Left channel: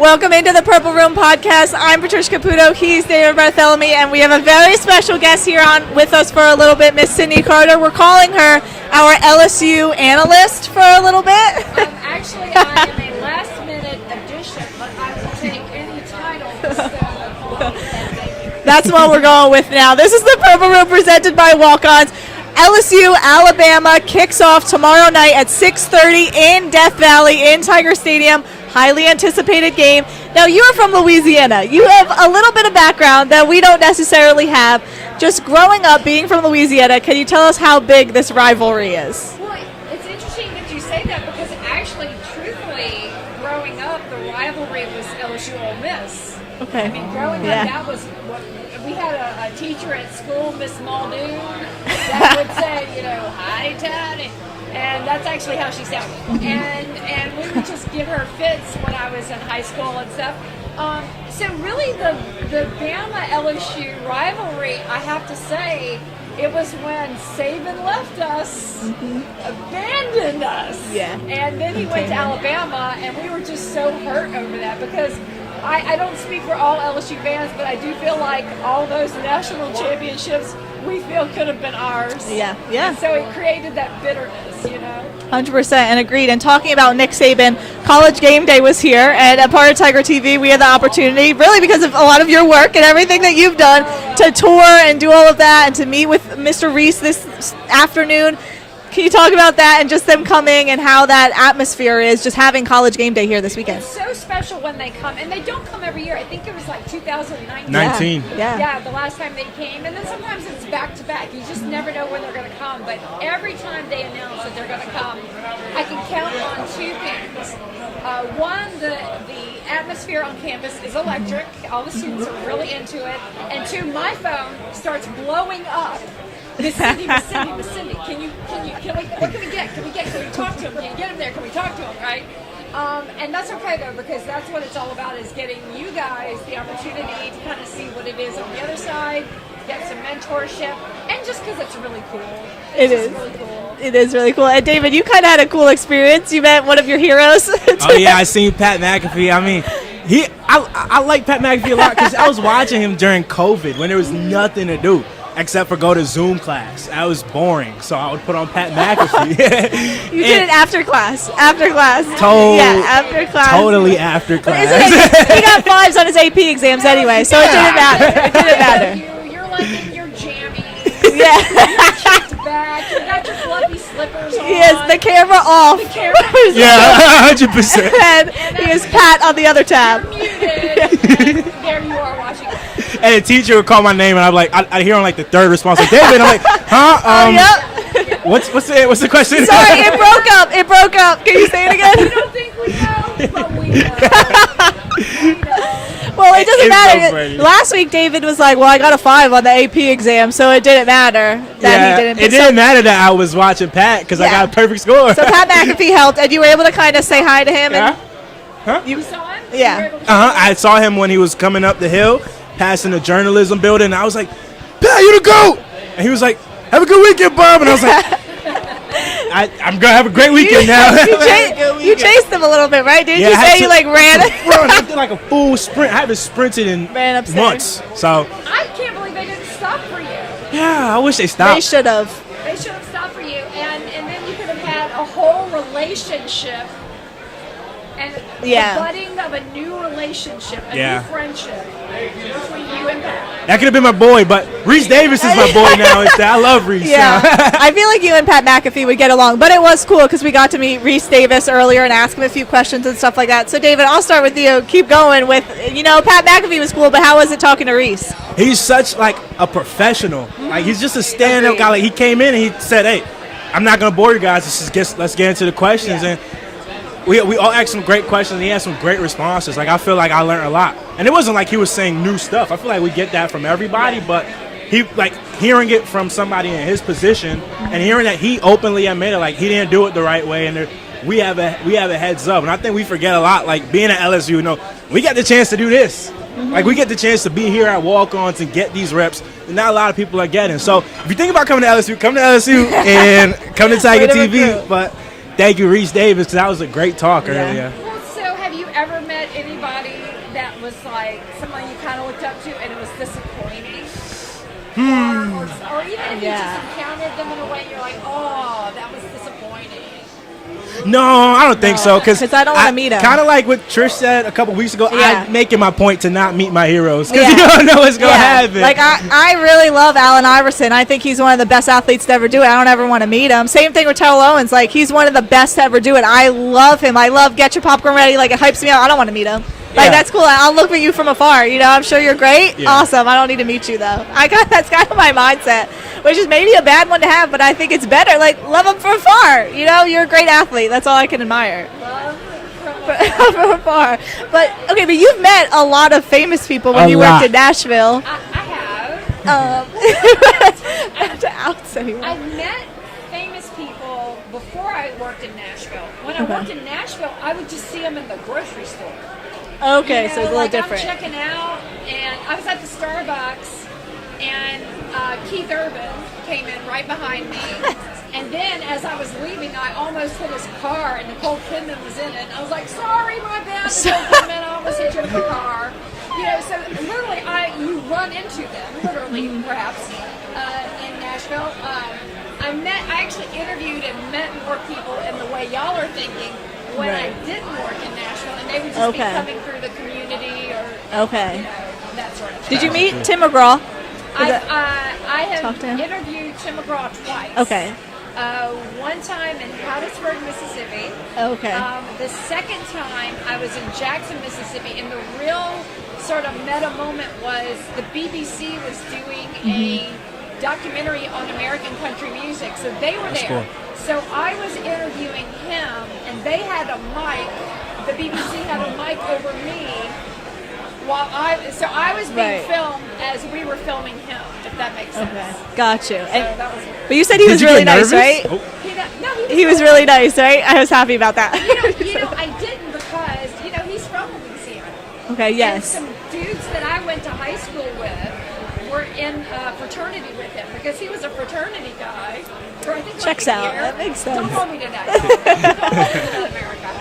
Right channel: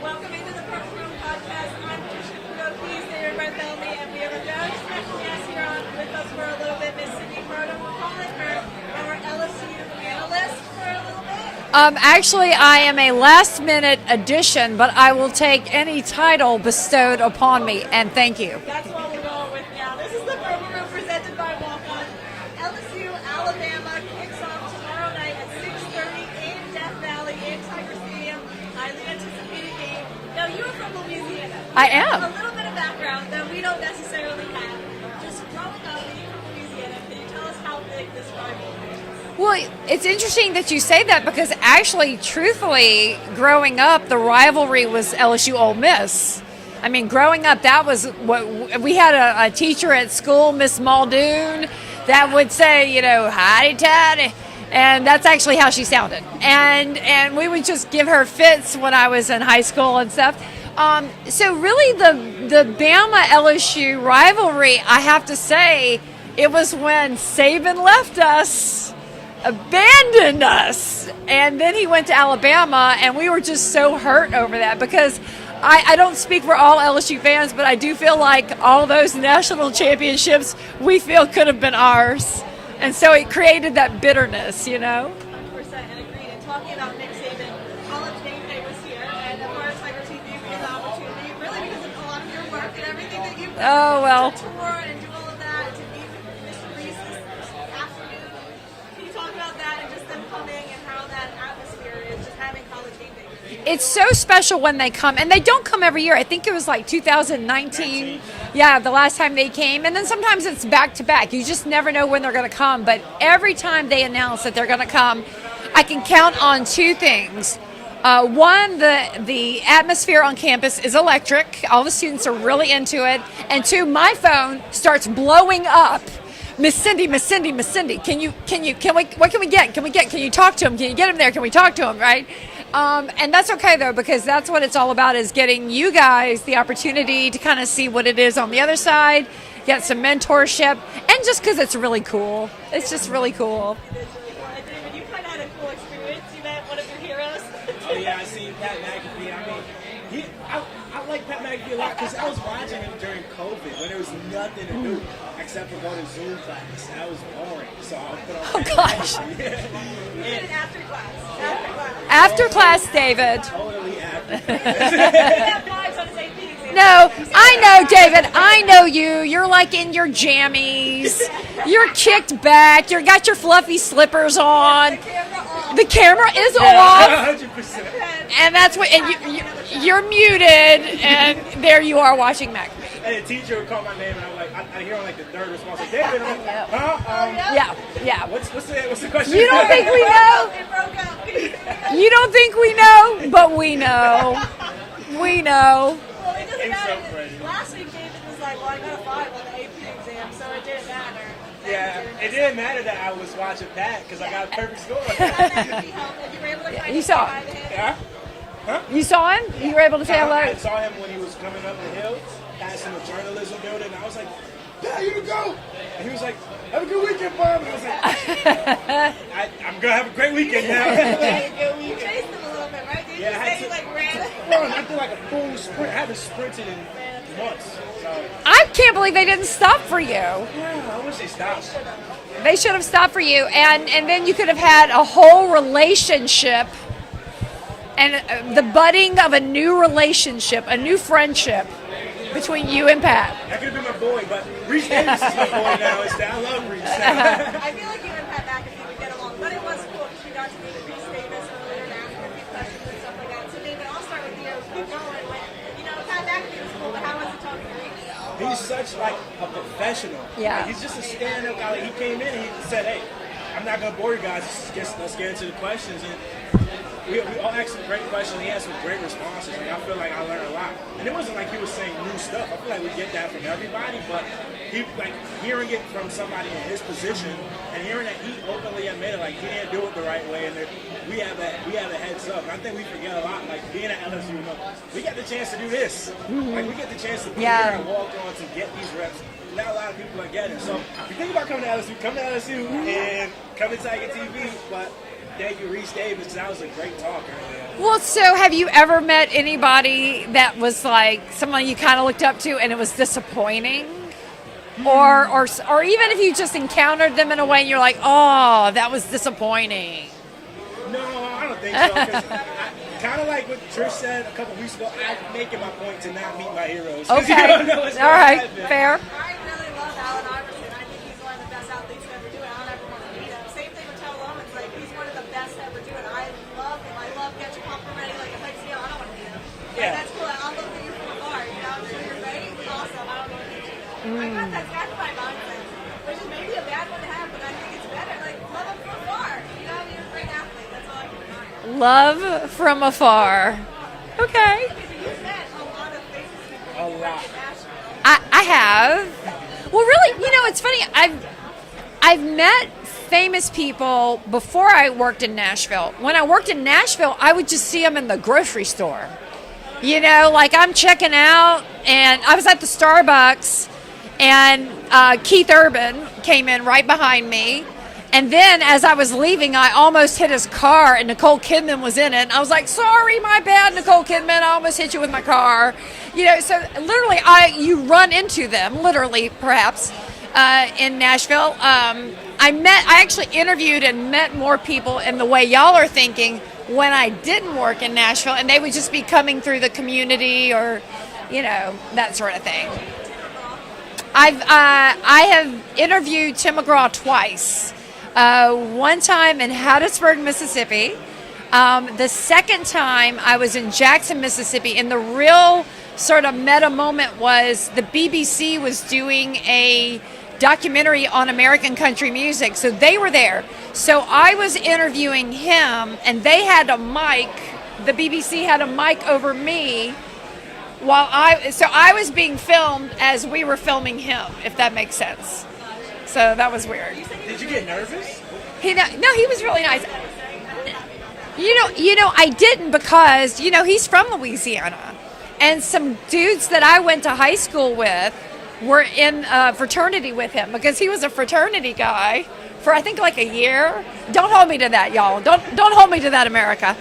Welcome into the Purple Room podcast. I'm Patricia Caputo. He's David Bartholomew, and we have a very special guest here on with us for a little bit, Miss Sydney Carter. We're calling her our LSU analyst for a little bit. Actually, I am a last-minute addition, but I will take any title bestowed upon me, and thank you. That's what we're going with now. This is the Purple Room presented by Walk-Ons. LSU-Alabama kicks off tomorrow night at 6:30 in Death Valley in Tiger Stadium. Highly anticipated game. Now, you are from Louisiana. You have a little bit of background that we don't necessarily have. Just growing up, being from Louisiana, can you tell us how big this rivalry is? Well, it's interesting that you say that because actually, truthfully, growing up, the rivalry was LSU-Ole Miss. Okay. I mean, growing up, that was what we had a teacher at school, Miss Muldoon, that would say, you know, hidey-tidy. And that's actually how she sounded. And we would just give her fits when I was in high school and stuff. So really the Bama-LSU rivalry, I have to say, it was when Saban left us, abandoned us. Yeah. And then he went to Alabama, and we were just so hurt over that because I don't speak for all LSU fans, but I do feel like all those national championships we feel could have been ours. Yeah. And so it created that bitterness, you know? 100% and agreed. And talking about Nick Saban, College Gameday was here, and a part of Tiger TV, we had the opportunity, really because of a lot of your work and everything that you've done, to tour and do all of that and to meet with Mr. Rece this afternoon. Can you talk about that and just them coming and how that atmosphere is, just having College Gameday here this weekend? It's so special when they come, and they don't come every year. I think it was like 2019. Yeah, the last time they came, and then sometimes it's back-to-back. You just never know when they're going to come, but every time they announce that they're going to come, I can count on two things. One, the atmosphere on campus is electric. All the students are really into it. And two, my phone starts blowing up. Miss Cindy, what can we get? Can you talk to him? Can you get him there? Can we talk to him, right? And that's okay, though, because that's what it's all about, is getting you guys the opportunity to kind of see what it is on the other side, get some mentorship, and just because it's really cool. It's just really cool. It is really cool. And David, you kind of had a cool experience. You met one of your heroes. Oh, yeah, I seen Pat McAfee. I mean, I like Pat McAfee a lot because I was watching him during COVID when there was nothing to do except for go to Zoom class. That was boring, so I would put on Pat McAfee. You did it after class. After class, David. Totally after class. He got 5s on his AP exams anyway, so I know you. You're like in your jammies. Yeah. You're kicked back. You got your fluffy slippers on. Yes, the camera off. The camera is Yeah, off. 100%. And that's what Pat on the other tab. You're muted, and there you are watching that. And the teacher would call my name, and I'd be like, I hear on like the third response, like, David. I'm like, huh? Yeah. What's the question? Sorry, it broke up. Can you say it again? You don't think we know, but we know. We know. Well, it doesn't It's matter. so funny. Last week, David was like, well, I got a 5 on the AP exam, so it didn't matter that he didn't. It didn't matter that I was watching Pat because I got a perfect score. So Pat McAfee helped, and you were able to kind of say hi to him. Yeah. And You saw him? Yeah. You were able to say I saw him when he was coming up the hill, passing the journalism building, and I was like, Pat, you the GOAT! And he was like, have a good weekend, Bob. And I was like, I'm going to have a great weekend now. you chased him a little bit, right? Didn't you say you like ran? I did like a full sprint. I haven't sprinted in Ran upstairs. months. So, I can't believe they didn't stop for you. yeah, I wish they stopped. They should have. They should have stopped for you, and then you could have had a whole relationship and the budding of a new relationship, a new friendship between you and Pat. That could have been my boy, but Rece Davis is my boy now. I love Rece. Yeah, I feel like you and Pat McAfee would get along, but it was cool because we got to meet Rece Davis earlier and ask him a few questions and stuff like that. So, David, I'll start with you. Keep going with, Pat McAfee was cool, but how was it talking to Rece? He's such like a professional. Yeah. Like he's just a stand-up guy. Like he came in and he said, "Hey, I'm not gonna bore you guys. Let's get into the questions." And we all asked some great questions. And he had some great responses. Like I feel like I learned a lot. And it wasn't like he was saying new stuff. I feel like we get that from everybody, but he like hearing it from somebody in his position and hearing that he openly admitted like he didn't do it the right way, and we have a heads up. And I think we forget a lot. Like being at LSU, we got the chance to do this. Like we get the chance to be here at walk-ons and get these reps that not a lot of people are getting. So if you think about coming to LSU, come to LSU and come to Tiger TV. But thank you, Rece Davis, because that was a great talk earlier. Well, so have you ever met anybody that was like someone you kind of looked up to and it was disappointing? Or even if you just encountered them in a way and you're like, oh, that was disappointing. No, I don't think so. Because I don't want to meet him. Kind of like what Trish said a couple weeks ago. I'm making my point to not meet my heroes. Because you don't know what's going to happen. Like, I really love Allen Iverson. I think he's one of the best athletes to ever do it. I don't ever want to meet him. Same thing with Terrell Owens. Like, he's one of the best to ever do it. I love him. I love Get Your Popcorn Ready. Like, it hypes me up. I don't want to meet him. Like, that's cool. I'll look at you from afar. You know, I'm sure you're great. Yeah. Awesome. I don't need to meet you, though. That's kind of my mindset, which is maybe a bad one to have, but I think it's better. Like, love them from afar. You know, you're a great athlete. That's all I can admire. Love from afar. From afar. Okay. But you've met a lot of famous people when you worked in Nashville. I have. Well, really, it's funny. I've met famous people before I worked in Nashville. When I worked in Nashville, I would just see them in the grocery store. Okay, you know, so like I'm checking out, and I was at the Starbucks, and Keith Urban came in right behind me. And then as I was leaving, I almost hit his car, and Nicole Kidman was in it. And I was like, sorry, my bad, Nicole Kidman, I almost hit you with my car. You know, so literally you run into them, literally, perhaps, in Nashville. I actually interviewed and met more people in the way y'all are thinking when I didn't work in Nashville, and they would just be coming through the community or, you know, that sort of thing. Did you meet Tim McGraw? I have interviewed Tim McGraw twice. Okay. One time in Hattiesburg, Mississippi. Okay. The second time I was in Jackson, Mississippi, and the real sort of meta moment was the BBC was doing a documentary on American country music, so they were there. Sure. So I was interviewing him, and they had a mic. The BBC had a mic over me while I was being filmed as we were filming him, if that makes sense. Okay. Got you. So that was weird. But you said he was really nice, right? Oh. He was really nice, right? I was happy about that. You know, I didn't because he's from Louisiana. Okay. Yes. And some dudes that I went to high school with were in fraternity with him because he was a fraternity guy for I think like a year. Don't hold me to that, y'all. Don't hold me to that, America.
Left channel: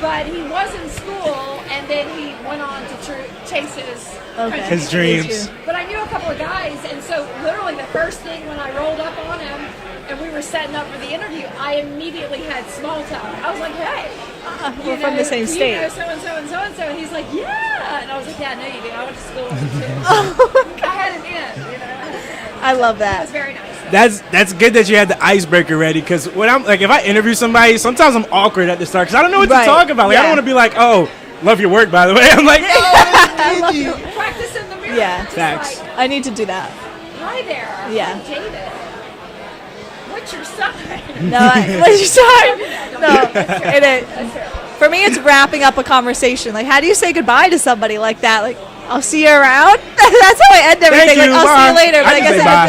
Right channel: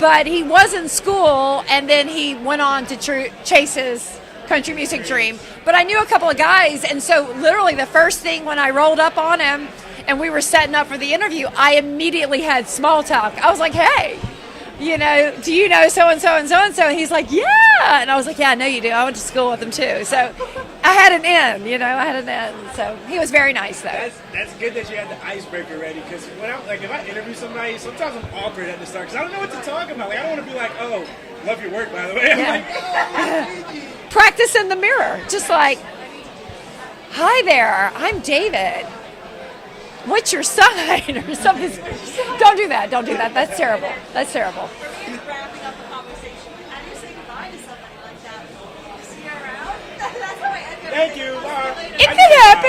But he was in school, and then he went on to chase his country music dreams. But I knew a couple of guys, and so literally the first thing when I rolled up on him and we were setting up for the interview, I immediately had small talk. I was like, hey. Do you know so-and-so and so-and-so? And he's like, yeah. And I was like, yeah, I know you do. I went to school with him, too. So I had an in, I love that. He was very nice, though. That's good that you had the icebreaker ready, because when I'm like, if I interview somebody, sometimes I'm awkward at the start because I don't know what to talk about. Like, I don't want to be like, oh, love your work, by the way. I'm like, practice in the mirror. Yeah, just like, I need to do that. Hi there. Yeah. I'm David. What's your sign? What's your sign? Don't do that. Don't do that. That's terrible. That's terrible. For me, it's wrapping up a conversation. Like, how do you say goodbye to somebody like that? Like, I'll see you around. That's how I end everything. Thank you. Like, I'll see you later.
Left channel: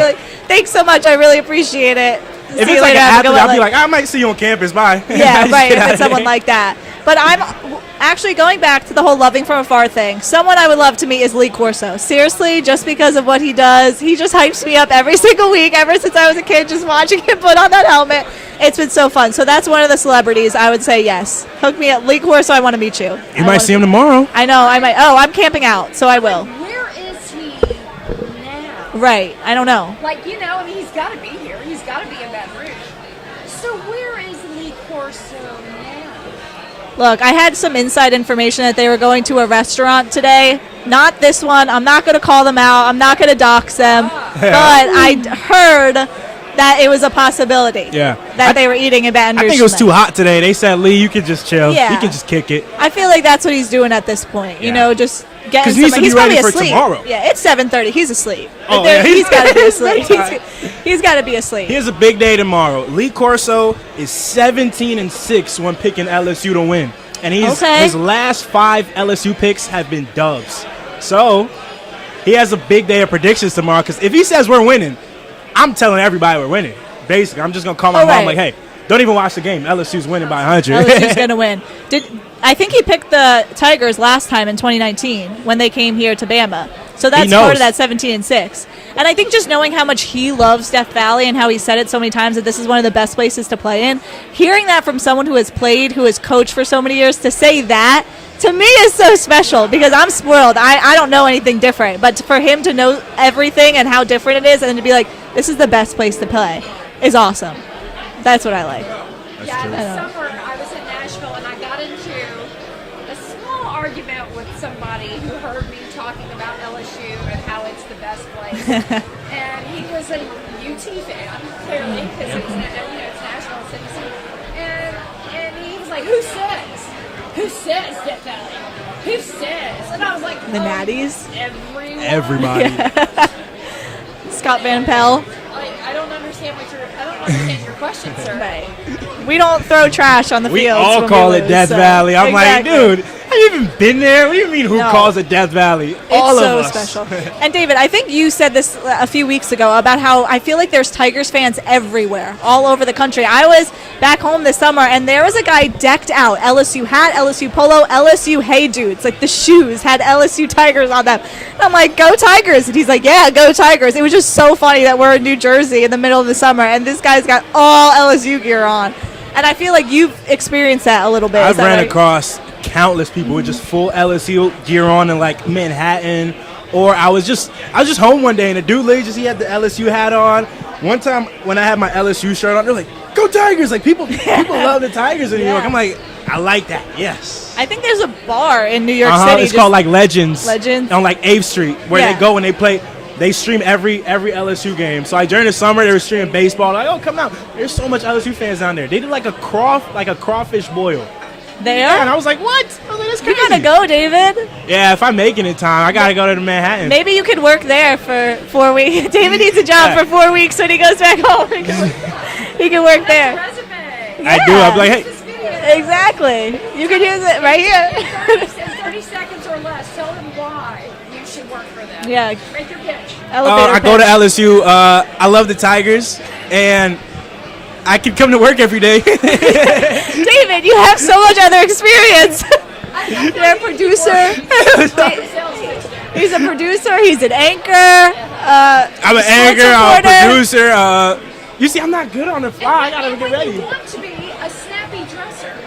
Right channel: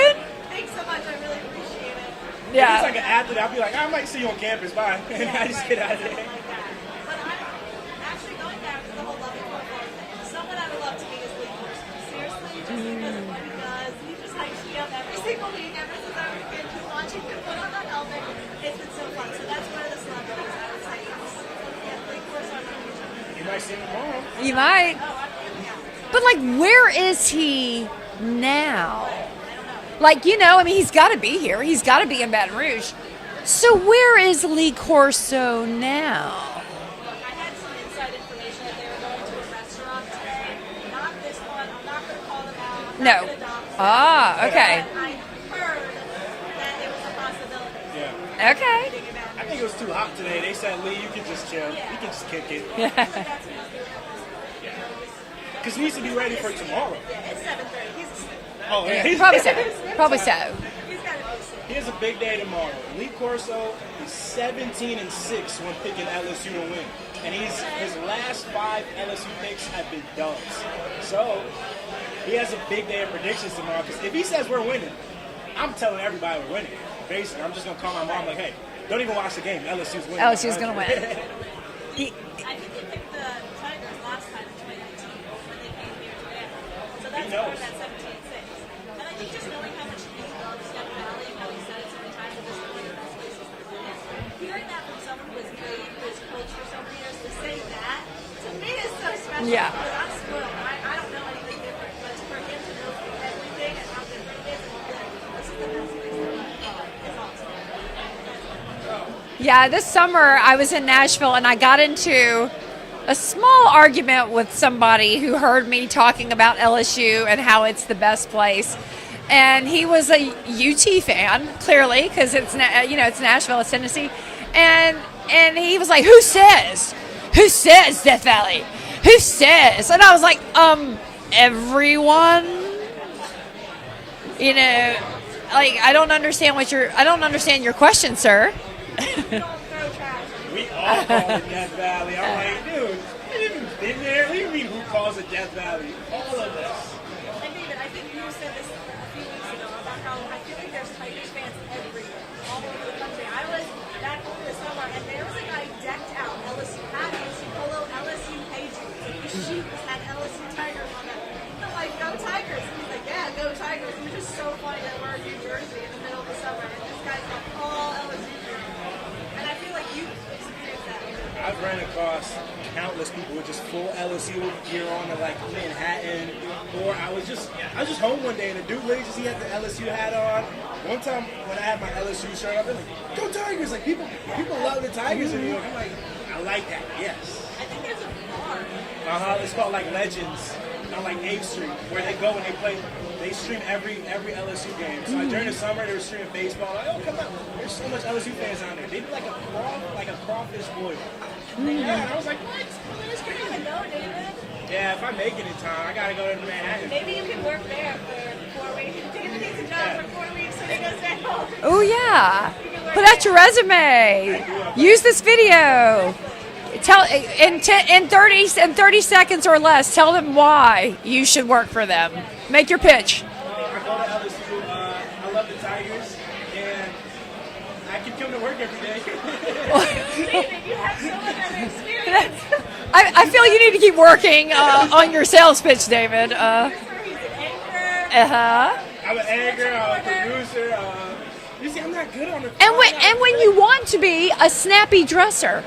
Like, thanks so much. I really appreciate it. If it's like an athlete, I'll be like, I might see you on campus. Bye. Yeah, right. If it's someone like that. But I'm actually going back to the whole loving from afar thing. Someone I would love to meet is Lee Corso. Seriously, just because of what he does. He just hypes me up every single week, ever since I was a kid, just watching him put on that helmet. It's been so fun. So that's one of the celebrities I would say yes. Hook me up. Lee Corso, I want to meet you. You might see him tomorrow. I know. I might. Oh, I'm camping out, so I will. Like, where is he now? Right. I don't know. Like, he's got to be here. He's got to be in Baton Rouge. So where is Lee Corso now? Look, I had some inside information that they were going to a restaurant today. Not this one. I'm not going to call them out. I'm not going to dox them. But I heard that it was a possibility that they were eating in Baton Rouge. I think it was too hot today. They said, Lee, you could just chill. Yeah. You can just kick it. I feel like that's what he's doing at this point. Just getting somebody. He's probably ready asleep. For tomorrow. Yeah, it's 7:30. He's asleep. Oh, yeah. He's got to be asleep. He's got to be asleep. Here's a big day tomorrow. Lee Corso is 17-6 when picking LSU to win. And his last 5 LSU picks have been dubs. So he has a big day of predictions tomorrow, because if he says we're winning, I'm telling everybody we're winning. Basically, I'm just going to call my mom like, hey, don't even watch the game. LSU's winning by 100. LSU's going to win. I think he picked the Tigers last time in 2019 when they came here to Bama. So that's part of that 17-6. And I think just knowing how much he loves Death Valley and how he said it so many times that this is one of the best places to play in, hearing that from someone who has played, who has coached for so many years, to say that, to me is so special because I'm spoiled. I don't know anything different. But for him to know everything and how different it is and to be like, this is the best place to play is awesome. That's what I like. Yeah, this summer I was in Nashville and I got into a small argument with somebody who heard me talking about LSU and how it's the best place. And he was a UT fan, clearly, because it's it's Nashville, it's Tennessee. And he was like, "Who says? Who says Death Valley? Who says?" And I was like, everyone. Everybody. Scott Van Pelt. Like, I don't understand your question, sir. We don't throw trash on the We field. all call it Death Valley. I'm Exactly. like, dude, have you even been there? What do you mean who calls it Death Valley? All It's of so us. special. And David, I think you said this a few weeks ago about how I feel like there's Tigers fans everywhere, all over the country. I was back home this summer, and there was a guy decked out, LSU hat, LSU polo, LSU Hey Dudes. Like the shoes had LSU Tigers on them. And I'm like, go Tigers. And he's like, yeah, go Tigers. It was just so funny that we're in New Jersey in the middle of the summer, and this guy's got all LSU gear on. And I feel like you've experienced that a little bit. I've ran across countless people with just full LSU gear on in like Manhattan, or I was just home one day and a dude literally he had the LSU hat on. One time when I had my LSU shirt on, they're like, "Go Tigers!" Like people love the Tigers in New York. I'm like, I like that. Yes. I think there's a bar in New York City. It's called like Legends. Legends on like 8th Street, where they go and they play. They stream every LSU game. So like during the summer, they were streaming baseball. Like, oh, come out! There's so much LSU fans down there. They did like a crawfish boil. There? Yeah, and I was like, what? I was like, that's You crazy. gotta go, David. Yeah, if I'm making it time, I gotta go to Manhattan. Maybe you could work there for 4 weeks. David needs a job for 4 weeks when he goes back home. Oh, yeah. He can work Put that there. your resume. I do. I'm like, Use hey, this video. Exactly. You Tell, can use it right here. in 30 seconds or less, tell them why you should work for them. Yeah. Make your pitch. Elevator I go to pitch. LSU. I love the Tigers, and I can come to work every day. David, you have so much other experience. I feel like you need to keep working on your sales pitch, David. He's a producer. He's an anchor. I'm an sports anchor. I'm a reporter. producer. You see, I'm not good on the phone. And when you want to be a snappy dresser.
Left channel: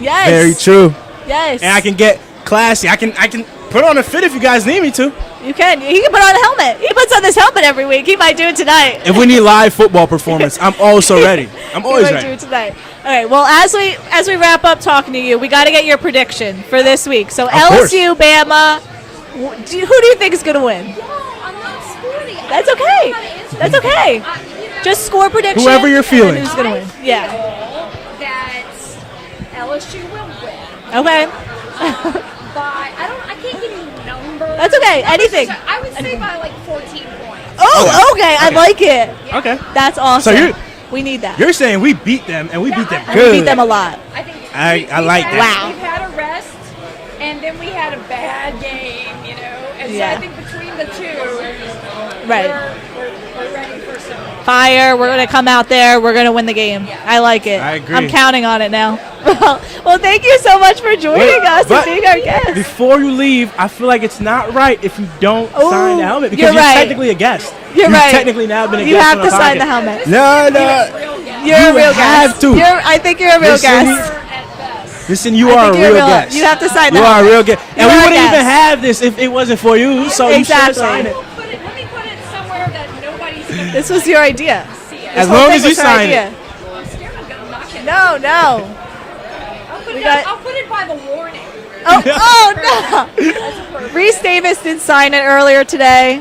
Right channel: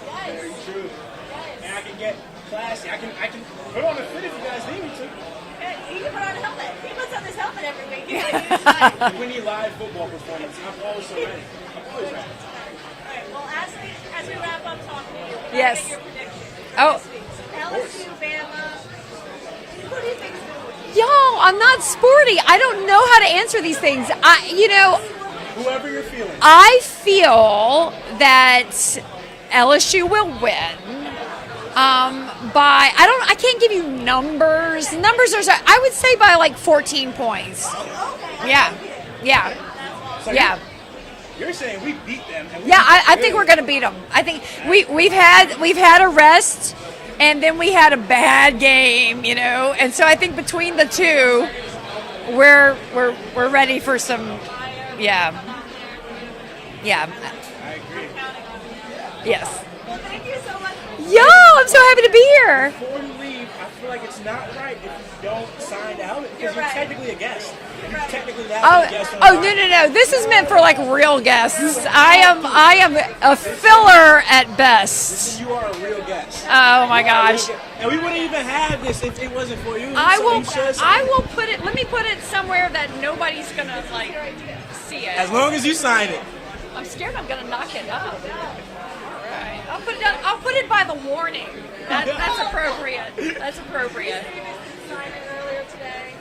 Yes. Very true. Yes. And I can get classy. I can put on a fit if you guys need me to. You can. He can put on a helmet. He puts on this helmet every week. He might do it tonight. If we need live football performance, I'm also ready. I'm always He might do ready. it tonight. All right. Well, as we wrap up talking to you, we got to get your prediction for this week. So course. LSU, Bama. Who do you think is going to win? Yo, I'm not sporty. I That's don't okay. know how to answer That's these okay. things. Just score prediction. Whoever you're feeling. and then I who's gonna win. feel that LSU will win. Okay. I can't give you numbers. That's okay. Numbers Anything. I would say by like 14 points. Oh, okay. I like it. Yeah. Okay. That's awesome. So we need that. You're saying we beat them and we Yeah, beat them I good. think them a we're gonna lot. beat 'em. I think I like that. we've had a rest, and then we had a bad game, and so I think between the two, Right. we're ready for some. Fire. We're Yeah. going to come out there. We're going to win the game. Yeah. I like it. I agree. I'm counting on it now. Yes. Well, thank you so much for joining us. but- and being our Here. guest. Before you leave, I feel like it's not right if you don't sign the helmet because you're you're right. technically a guest. You're You've right. technically now been a you guest have on to the sign the podcast. helmet. This is No, meant for no. like real guests. You're a real have guest. to. I think you're a real Listen. guest. Or at best. Listen, you I are a think you're real guest. You have to sign the You are a helmet. real guest. You And we are a wouldn't even guest. have this if it wasn't for you. So you should Exactly. sign it. I will put it. Let me put it somewhere that nobody's gonna. This was your idea. see it. As Whole long thing as you was her sign idea. it. I'm scared I'm gonna knock it. No. I'll put it by the warning. Oh no. That's appropriate. Rece Davis did sign it earlier today.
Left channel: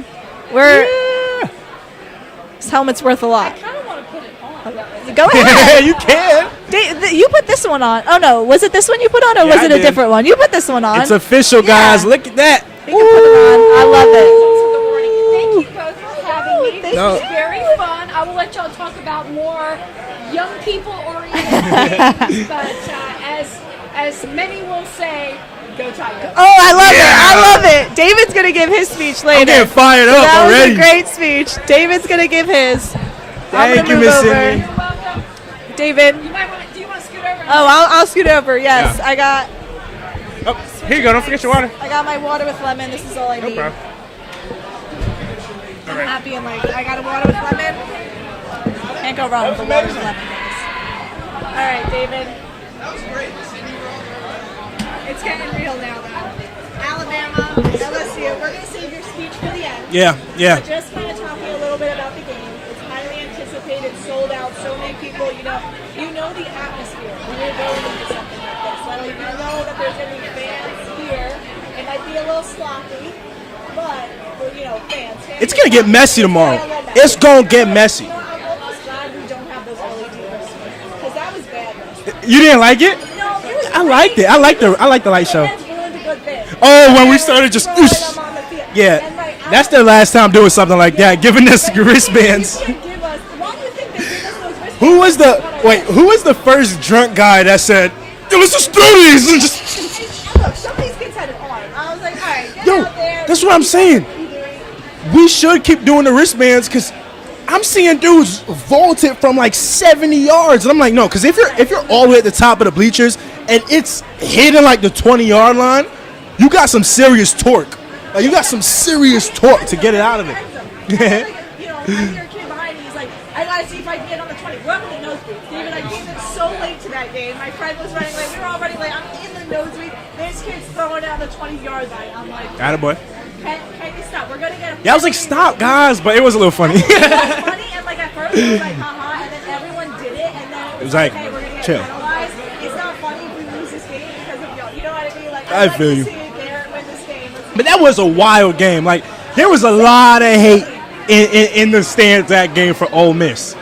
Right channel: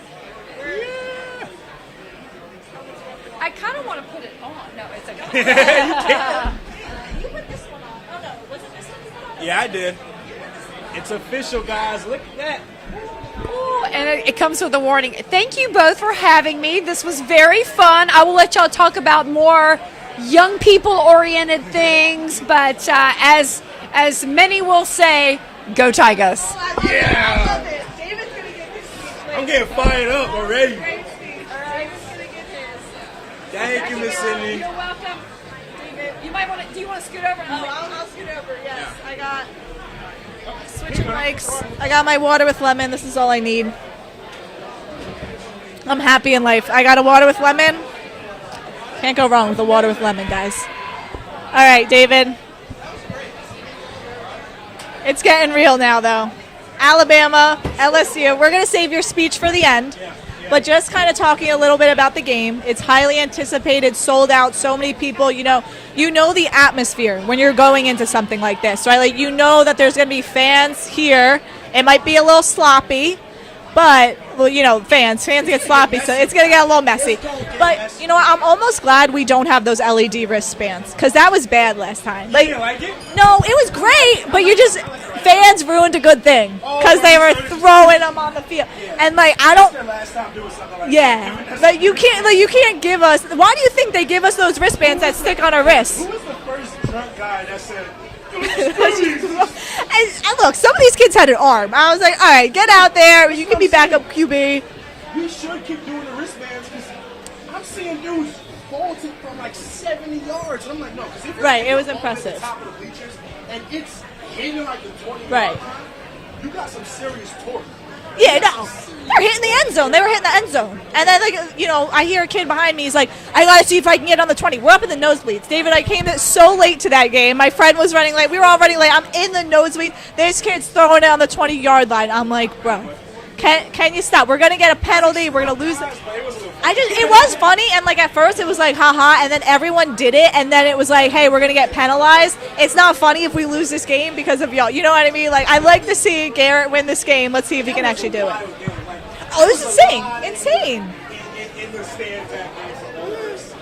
This helmet's worth a lot. I kind of want to put it on. Go ahead. You can. You put this one on. Oh no, was it this one you put on, or Yeah, was it I a did. different one? You put this one on. It's official, guys. Look at that. You can put it on. I love it. It comes with a warning. Thank you both for having me. This was very fun. I will let y'all talk about more young people oriented things, but as many will say, go Tigers. Oh, I love it. I love it. David's going to give his speech later. I'm getting fired up that already. was a great speech. David's going to give his. I'm Thank gonna you, move Miss over. Cindy. You're welcome. David. Do you want to scoot over? Oh, I'll scoot over. Yes, Yeah. I got. Oh, here you go. Don't forget your water. I got my water with lemon. This is all I need. problem. I'm happy in life. I got a water with lemon. Can't go wrong with a water with lemon, guys. All right, David. It's getting real now, though. Alabama, LSU. We're going to save your speech for the end. Yeah. But just kind of talking a little bit about the game. It's highly anticipated, sold out, so many people. You know the atmosphere when you're going into something like this, right? Like, you know that there's going to be fans here. It might be a little sloppy, but, well, fans it's get sloppy. It's going to get messy tomorrow. It's going to get a little messy. It's going to get messy. You know what? I'm almost glad we don't have those LED wristbands, because that was bad last time. You didn't like it? No, it was great. I liked it. I like the light show. Fans ruined a good thing. Oh, when we started just throwing them on the field. Yeah. And that's their last time doing something like that, giving us wristbands. You can't give us. Why do you think they give us those wristbands that stick on our wrists? Who was the first drunk guy that said, let's just throw these? And look, some of these kids had an arm. I was like, all right, get out there. That's what I'm saying. QB. We should keep doing the wristbands, because I'm seeing dudes vault it from like 70 yards. And I'm like, no, because if you're all the way at the top of the bleachers and it's hitting like the 20-yard line, you got some serious torque. Like, you got some serious torque to get it out of the end zone. And then, I hear a kid behind me. He's like, I got to see if I can get on the 20. We're up in the nosebleeds. David, I came so late to that game. My friend was running late. We were all running late. I'm in the nosebleed. This kid's throwing it on the 20-yard line. I'm like, attaboy. Can you stop? We're going to get a penalty. I was like, stop, guys, but it was a little funny. It was funny, and at first it was like, haha, and then everyone did it, and then it was like, hey, we're going to get penalized. It's not funny if we lose this game because of y'all. You know what I mean? Like, I'd like to see Garrett win this game. Let's see. But that was a wild game. Like, there was a lot of hate in the stands that game for Ole Miss.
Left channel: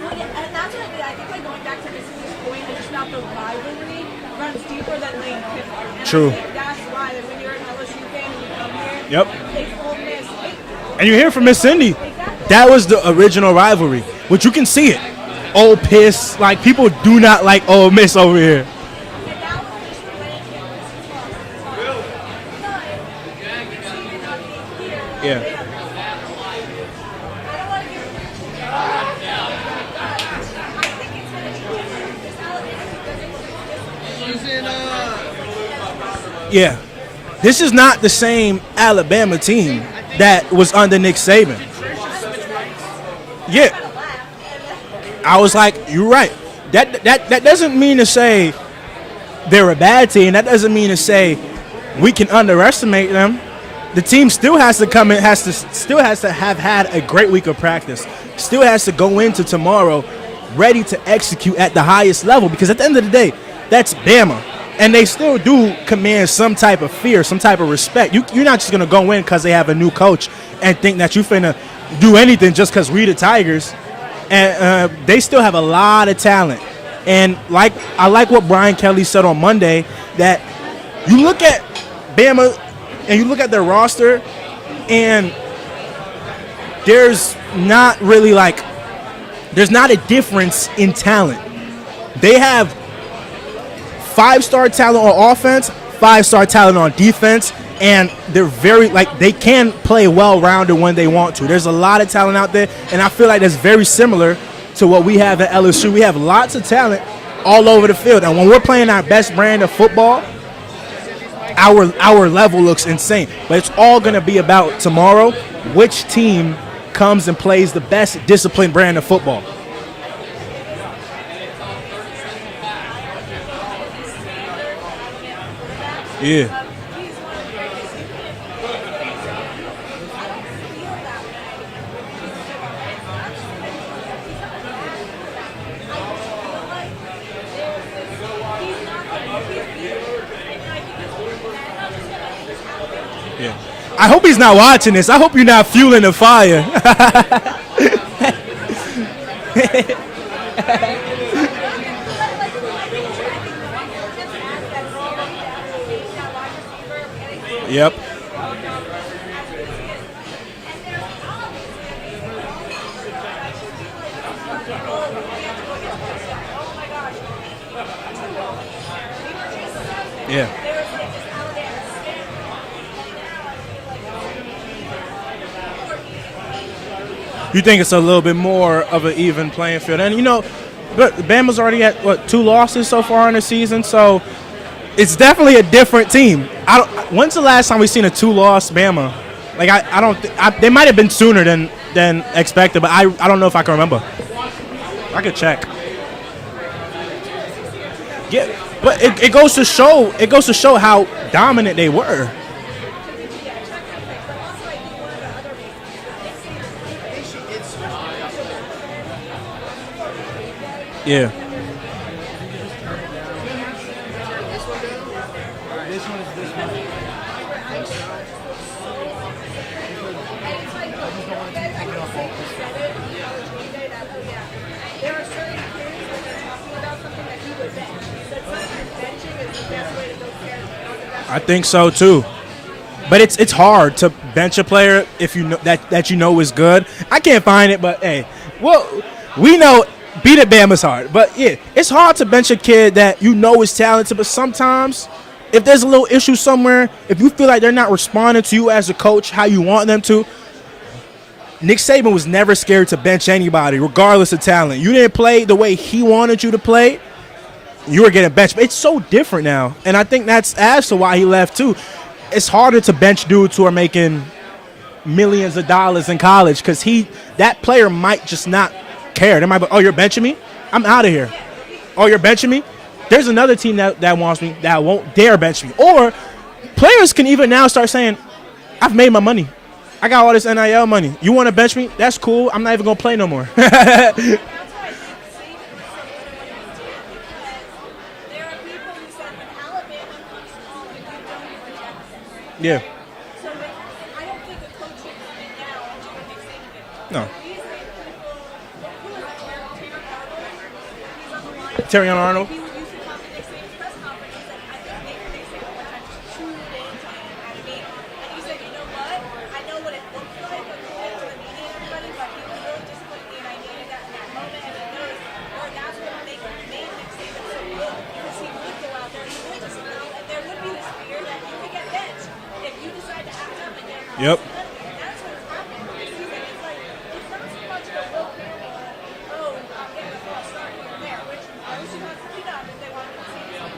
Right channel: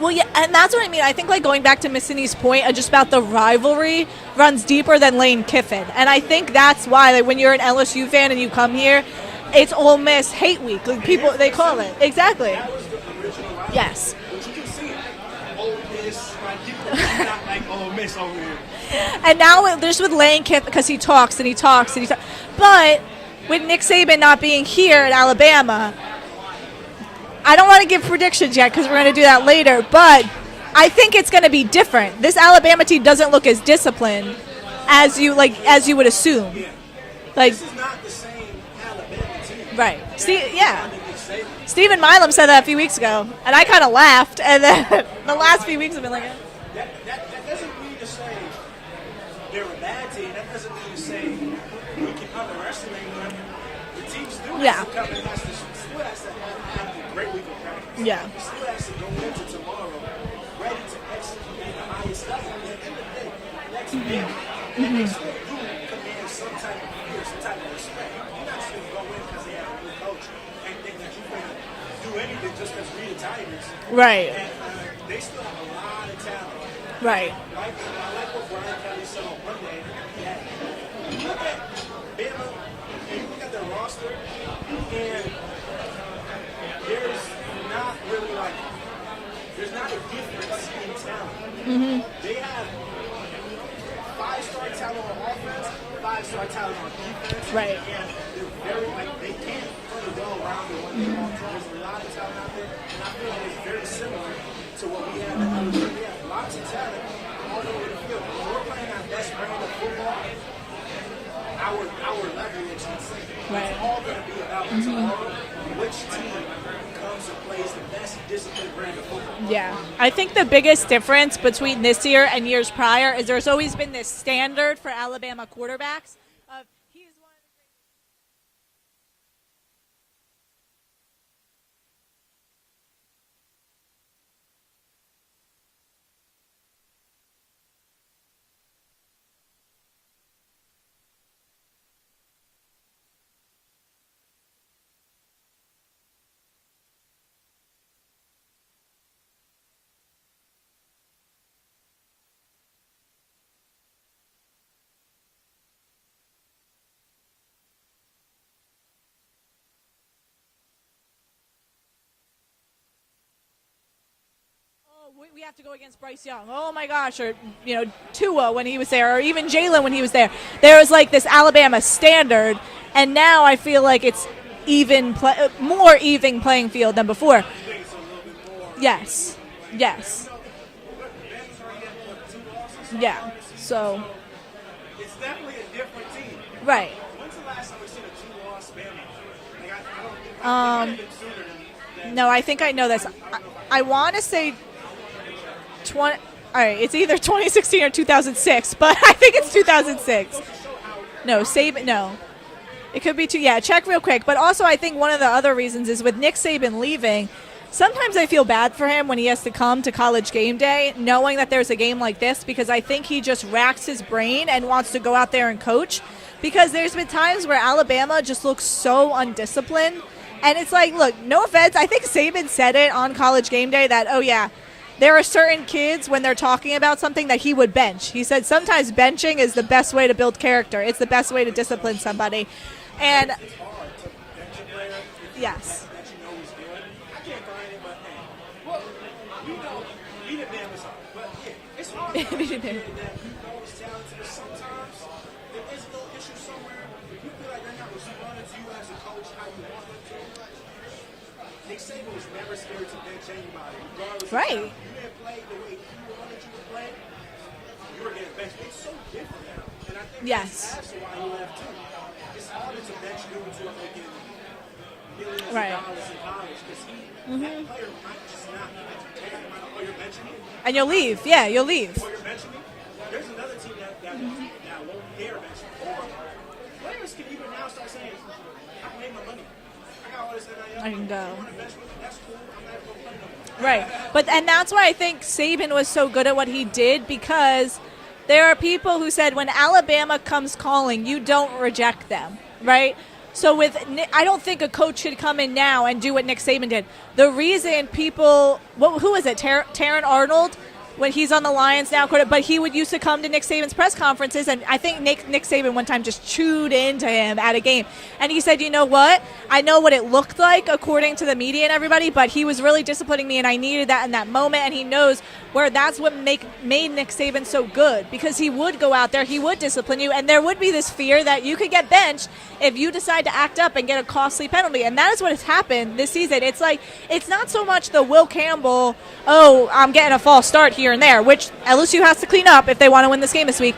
Well, yeah, and that's what I mean. I think, going back to Missini's point, just about the rivalry runs deeper than Lane Kiffin. And True. I think that's why, when you're an LSU fan and you come here, it's Ole Miss hate week. And you hear from Miss Cindy. Exactly. That was the original rivalry, which you can see it. Ole Piss. Like, people do not like Ole Miss over here. And now there's with Lane Kiffin, because he talks and he talks and he talks. But with Nick Saban not being here at Alabama, I don't want to give predictions yet because we're going to do that later, but I think it's going to be different. This Alabama team doesn't look as disciplined as you would assume. Yeah. This is not the same Alabama team that was under Nick Saban. Stephen Milam said that a few weeks ago, and I kind of laughed. And then I was like, "You're right." That doesn't mean to say they're a bad team. That doesn't mean to say we can underestimate them. The team still has to come in, still has to have had a great week of practice. Yeah. Still has to go into tomorrow ready to execute at the highest level, because at the end of the day, that's Bama. And they still do command some type of fear, some type of respect. You're not just going to go in because they have a new coach and think that you're finna do anything just because we the Tigers. Right. And they still have a lot of talent. Right. And I like what Brian Kelly said on Monday, that you look at Bama and you look at their roster, and there's not a difference in talent. Mm-hmm. They have 5-star talent on offense, 5-star talent on defense, and they're they can play well-rounded when they want to. There's a lot of talent out there, and I feel like that's very similar to what we have at LSU. We have lots of talent all over the field, and when we're playing our best brand of football, our level looks insane. But it's all going to be about tomorrow, which team comes and plays the best disciplined brand of football. Yeah. I think the biggest difference between this year and years prior is there's always been this standard for Alabama quarterbacks. Yeah. Yeah. I hope he's not watching this. I hope you're not fueling the fire. Yep. Oh my gosh, or Tua when he was there, or even Jalen when he was there. Yeah. There was this Alabama standard, and now I feel like it's more even playing field than before. You think it's a little bit more of an even playing field? And but Bama's already at 2 losses so far in the season, so it's definitely a different team. When's the last time we've seen a 2-loss Bama? Like I don't. They might have been sooner than expected, but I don't know if I can remember. I want to say I could check. all right, it's either 2016 or 2006. Yeah, but it goes to show. It goes to show how dominant they were. It could be too. Yeah, check real quick. But also, I think one of the other reasons is with Nick Saban leaving. Sometimes I feel bad for him when he has to come to College Game Day, knowing that there's a game like this, because I think he just racks his brain and wants to go out there and coach. Because there's been times where Alabama just looks so undisciplined, and it's like, look, no offense, I think Saban said it on College Game Day that, oh yeah, there are certain kids when they're talking about something that he would bench. He said sometimes benching is the best way to build character. It's the best way to discipline somebody. But it's hard to bench a player if you know that you know is good. I can't find it, but hey, well, we know beat at Bama's hard. But yeah, it's hard to bench a kid that you know is talented. But sometimes, if there's a little issue somewhere, if you feel like they're not responding to you as a coach how you want them to, Nick Saban was never scared to bench anybody, regardless of talent. You didn't play the way he wanted you to play, you were getting benched. But it's so different now, and I think that's as to why he left too. It's harder to bench dudes who are making millions of dollars in college because that player might just not care. They might be, oh, you're benching me? I'm out of here. Yeah, you'll leave. Oh, you're benching me? There's another team that wants me that won't dare bench me. Or players can even now start saying, I've made my money. I got all this NIL money. You want to bench me? That's cool. I'm not even going to play no more. And that's why I think Saban was so good at what he did, because there are people who said when Alabama comes calling, you don't reject them, right? So I don't think a coach should come in now and do what Nick Saban did. No. The reason people, who is it, Taron Arnold? When he's on the Lions, but he would used to come to Nick Saban's press conferences, and I think Nick Saban one time just chewed into him at a game. And he said, you know what? I know what it looked like according to the media and everybody, but he was really disciplining me, and I needed that in that moment, and he knows where that's what made Nick Saban so good, because he would go out there, he would discipline you, and there would be this fear that you could get benched if you decide to act up and get a costly penalty. And that is what has happened this season. It's like, it's not so much the Will Campbell, oh, I'm getting a false start here and there, which LSU has to clean up if they want to win this game this week.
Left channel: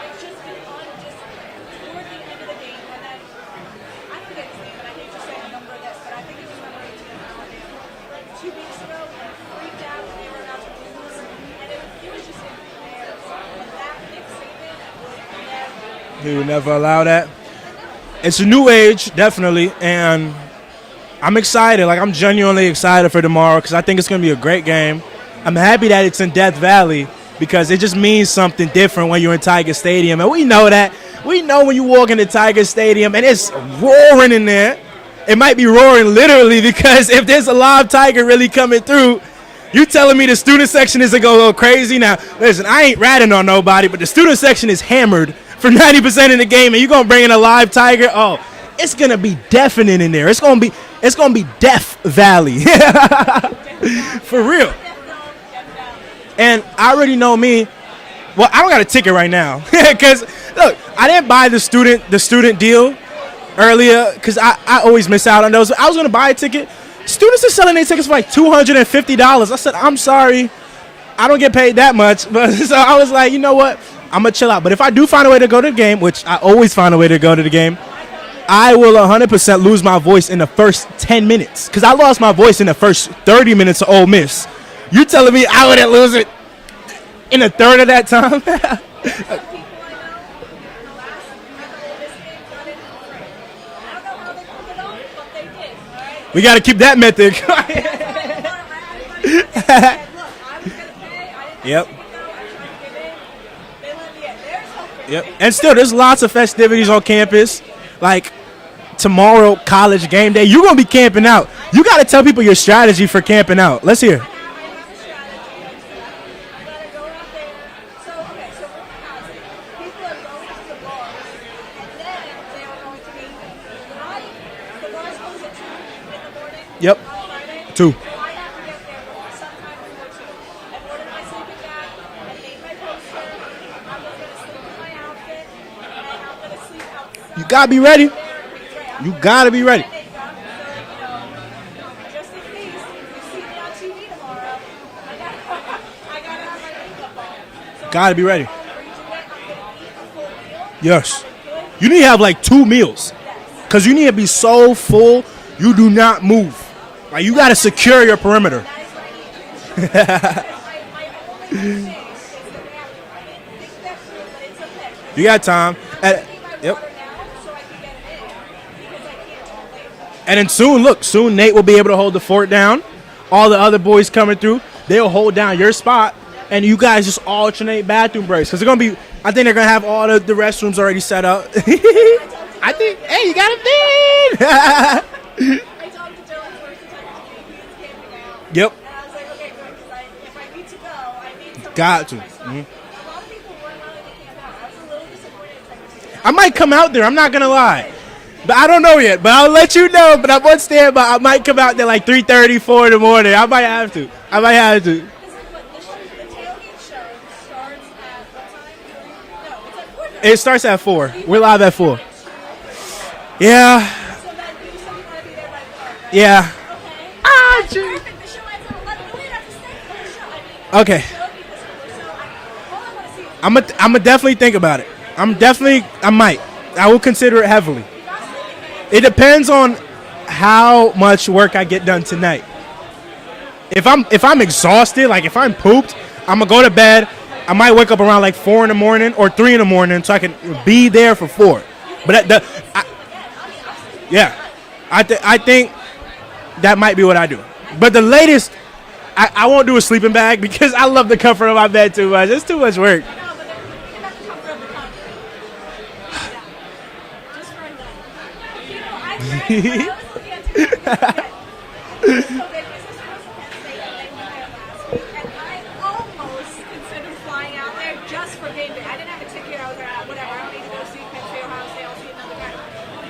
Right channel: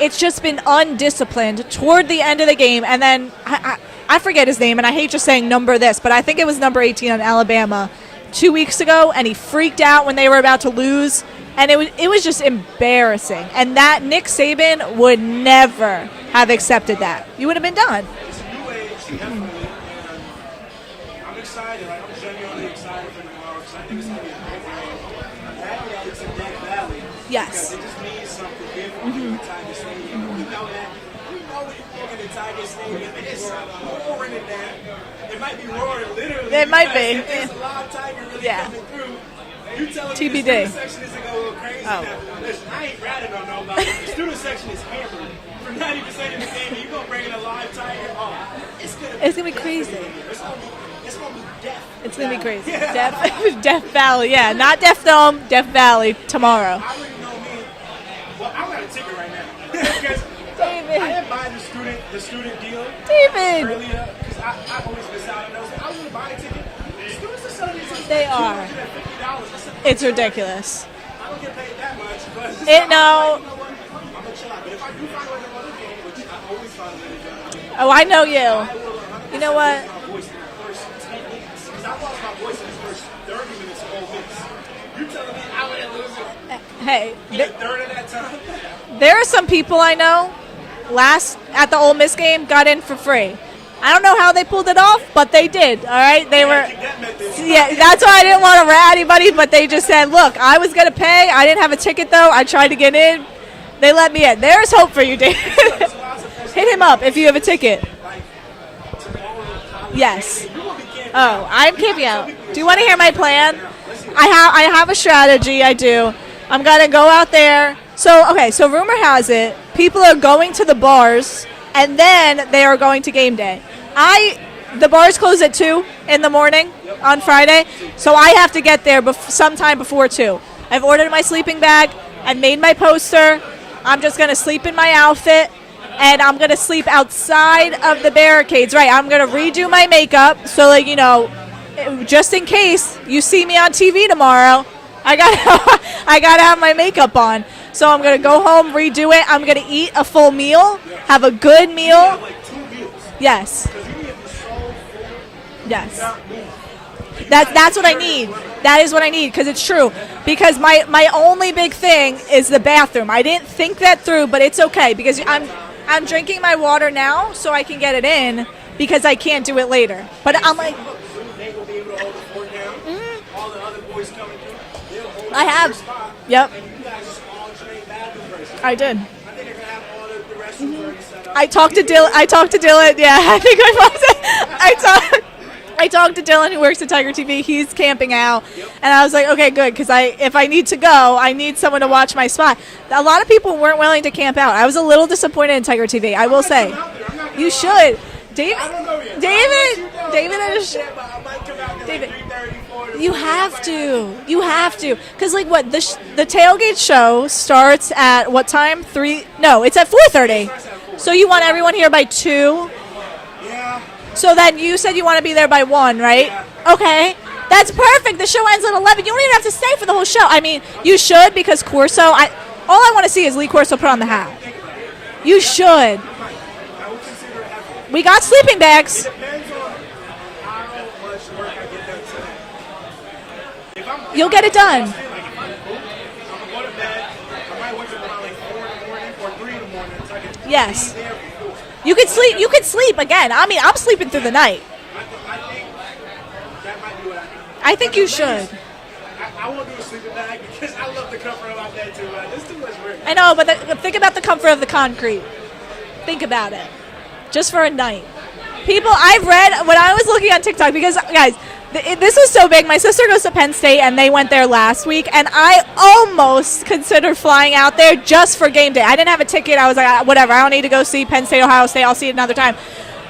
It's just been undisciplined toward the end of the game. And then I forget his name, and I hate just saying number this, but I think it was number 18 on Alabama 2 weeks ago, and he freaked out when they were about to lose. And it was just embarrassing. And that Nick Saban would never have accepted that. You would have been done. It's a new age, definitely. And I'm excited. Like, I'm genuinely excited for tomorrow because I think it's going to be a great game. I'm happy that it's in Death Valley because it just means something different when you're in Tiger Stadium. And we know that. We know when you walk into Tiger Stadium and it's roaring in there. It might be roaring literally because if there's a live tiger really coming through, you telling me the student section isn't going to go crazy? Now, listen, I ain't ratting on nobody, but the student section is hammered for 90% of the game, and you're going to bring in a live tiger? Oh, it's going to be deafening in there. It's going to be Death Valley. Death Valley, yeah. Not Death Dome, Death Valley tomorrow. And I already know me. Well, I don't got a ticket right now because, look, I didn't buy the student deal earlier because I always miss out on those. I was going to buy a ticket. Students are selling their tickets for like $250. I said, I'm sorry. Ridiculous. I don't get paid that much. But so I was like, you know what? I'm going to chill out. But if I do find a way to go to the game, which I always find a way to go to the game. Oh, I know you. I will 100% lose my voice in the first 10 minutes. Because I lost my voice in the first 30 minutes of Ole Miss. You telling me I wouldn't lose it in a third of that time? There are some people I know at the Ole Miss game got in for free. I don't know how they pulled it off, but they did, all right? You got to keep that method. Yeah, that's why I didn't want to rat anybody, but they just said, look, I was going to pay. I didn't have a ticket, though. I tried to get in. They let me in. There's hope for you, Dave. And still, there's lots of festivities on campus. You have a ticket. Like tomorrow, College Game Day. You're going to be camping out. You got to tell people your strategy for camping out. Let's hear it. I have a strategy. I do. I'm going to go out there. So rumor has it, people are going to the bars, and then they are going to game day. The bars close at 2 in the morning on Friday. 2. So I have to get there sometime before 2. I've ordered my sleeping bag. I've made my poster. I'm just going to sleep in my outfit, and I'm going to sleep outside of the barricades. Right, I'm going to redo my makeup. So, like, you know, just in case you see me on TV tomorrow, I gotta have my makeup on. So I'm going to go home, redo it. I'm going to eat a full meal. Yes. Have a good meal. You need to have like 2 meals. Yes. Because you need to be so full, you do not move. Like you got to secure your perimeter. That is what I need, because it's true. Because my only big thing is the bathroom. I didn't think that through, but it's okay. Because you got time. I'm drinking my water now so I can get it in, because I can't do it later. But and soon Nate will be able to hold the fort down. All the other boys coming through, they'll hold down your spot. Yep. And you guys just alternate bathroom breaks. Because they're going to be, I think they're going to have all the restrooms already set up. I talked to Dylan. I talked to Dylan, who works at Tiger TV. He's camping out. Yep. And I was like, okay, good, because if I need to go, I need someone to watch my spot. A lot of people weren't willing to camp out. I was a little disappointed in Tiger TV. I might come out there. I'm not going to lie. You should. But I don't know yet, but I'll let you know. But I'm on standby. I might come out there like 3:30, 4 in the morning. I might have to. I might have to. Because like what the tailgate show starts at what time? 3? No, it's at 4:30. It starts at 4. So you want everyone here by 2? Yeah. So then you said you want to be there by 1, right? Yeah. Okay. That's perfect. The show ends at 11. You don't even have to stay for the whole show. I mean, you should, because Corso. All I want to see is Lee Corso. I'm gonna definitely think about it. Should. I might. I will consider it heavily. We got sleeping bags. It depends on how much work I get done tonight. If I'm exhausted, like if I'm pooped, I'm gonna go to bed. I might wake up around like 4 in the morning or 3 in the morning, so I can be there for 4. You can sleep. You can sleep again. I mean, I'm sleeping through the night. I think that might be what I do. But the latest, I won't do a sleeping bag because I love the comfort of my bed too much. It's too much work. I know, but think about the comfort of the concrete. Think about it. Just for a night. People, I've read, when I was looking on TikTok, because, guys, this is so big. My sister goes to Penn State, and they went there last week, and I almost considered flying out there just for game day. I didn't have a ticket. I was like, whatever, I don't need to go see Penn State, Ohio State. I'll see it another time.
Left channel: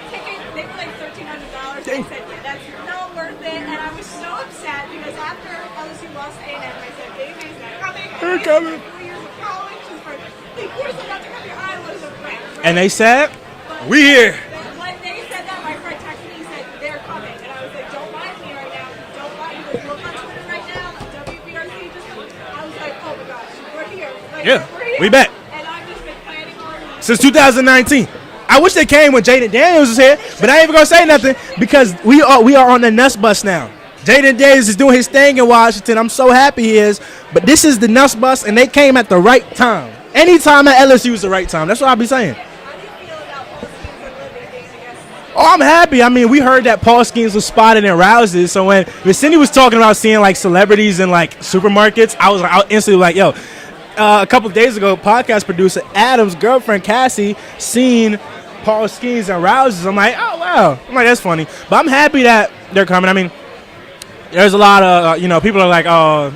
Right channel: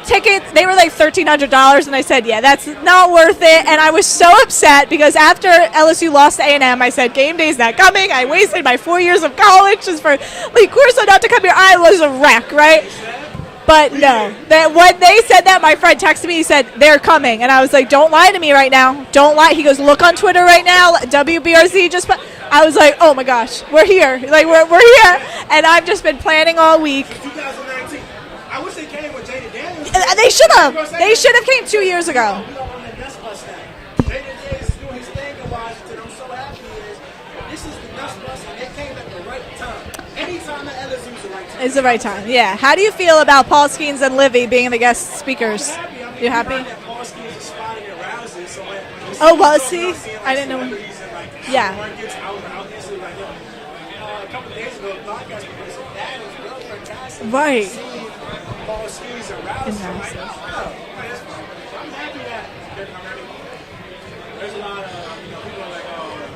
Tickets, they were like $1,300, and I said, yeah, that's not worth it. And I was so upset because after LSU lost to A&M, I said, game day's not coming. I wasted my 4 years of college just for Lee Corso not to come here. I was a wreck, right? And they said, but when they said that, my friend texted me, he said, they're coming. And I was like, don't lie to me right now. Don't lie. He goes, look on Twitter right now. WBRZ just put. I was like, oh my gosh, we're here. Like, we're here. And I've just been planning all week. Since 2019. I wish they came when Jaden Daniels was here. They should have. But I ain't going to say nothing because we are on the Nuss bus now. Jaden Daniels is doing his thing in Washington. I'm so happy he is. But this is the Nuss bus, and they came at the right time. Anytime at LSU is the right time. That's what I'll be saying. Yeah. How do you feel about Paul Skeens and Livy being the guest speakers? Oh, I'm happy. I mean, we heard that Paul Skeens was spotted in Rouses. So when the city was talking about seeing like celebrities in like supermarkets, I was instantly like, yo. A couple of days ago, podcast producer Adam's girlfriend Cassie seen Paul Skeens and Rouses. I'm like, oh wow. I'm like, that's funny. But I'm happy that they're coming. I mean, there's a lot of people are like, oh,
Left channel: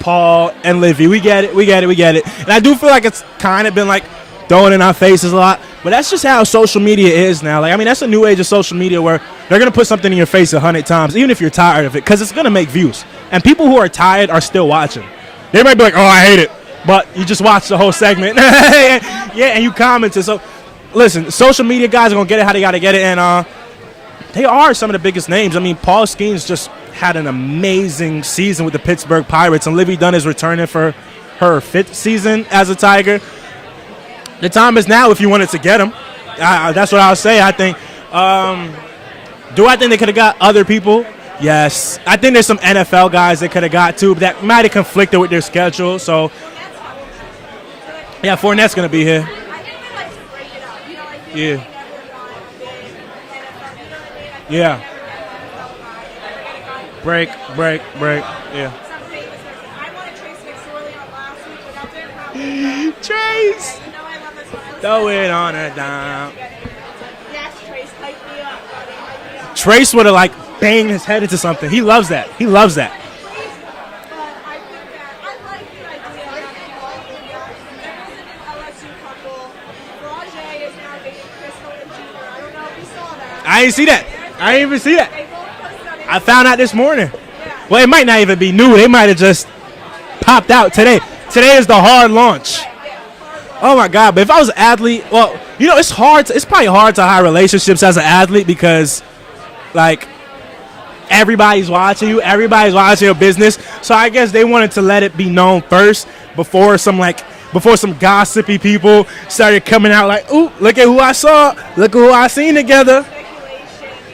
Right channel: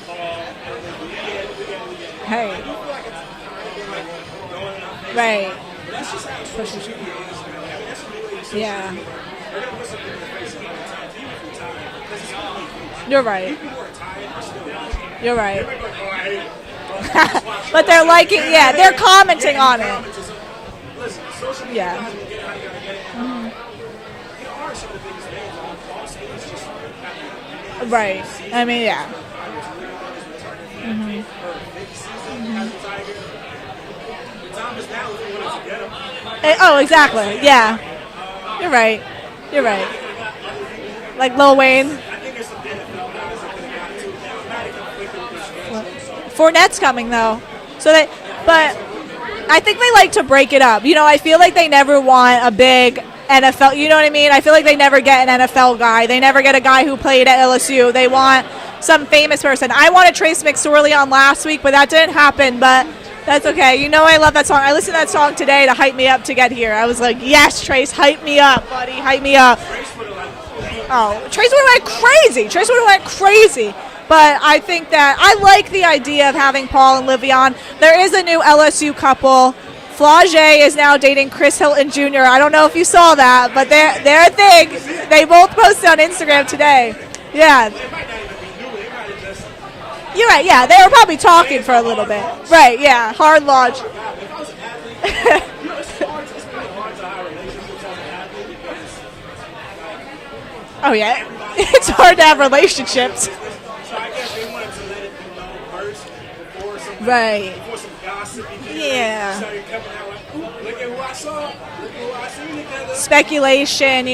Paul and Livy, we get it. Hey. And I do feel like it's kind of been like throwing in our faces a lot. But that's just how social media is now. Like, I mean, that's a new age of social media where they're going to put something in your face 100 times, even if you're tired of it, because it's going to make views. You're right. And people who are tired are still watching. You're right. They might be like, oh, I hate it. But you just watch the whole segment. They're commenting and you commented. So, listen, social media guys are going to get it how they got to get it. And they are some of the biggest names. I mean, Paul Skeens just had an amazing season with the Pittsburgh Pirates. And Livy Dunn is returning for her 5th season as a Tiger. The time is now if you wanted to get him. That's what I'll say. I think. You're right. I think they could have got other people? Like Lil Wayne? I think there's some NFL guys they could have got too, but that might have conflicted with their schedule. So Fournette's coming though. Fournette's going to be here. I think they like to break it up. I feel like they never want a big NFL. You know what I mean? I feel like they never get an NFL guy. They never get a guy who played at LSU. They want some famous person. I wanted Trace McSorley on last week, but that didn't happen. But that's okay. I love that song. I listened to that song today to hype me up to get here. I was like, yes, Trace, hype me up, buddy. Hype me up. Trace would have banged his head into something. He loves that. Trace would have went crazy. But I think that I like the idea of having Paul and Livy on. There is a new LSU couple. Flau'jae is now dating Chris Hilton Jr. I don't know if you saw that. But I didn't see that. They're a thing. I didn't even see that. They both posted on Instagram I found out today. this morning. Yeah. Well, it might not even be new. They might have just popped out today. Today is the hard launch. Right, yeah, hard launch. Oh, my God. But if I was an athlete, well, it's hard. It's probably hard to hire relationships as an athlete because, like, Oh, yeah. Everybody's watching you. Everybody's watching your business. So I guess they wanted to let it be known first before some gossipy people started coming out like, ooh, look at who I saw. Look at who I seen together. Speculation,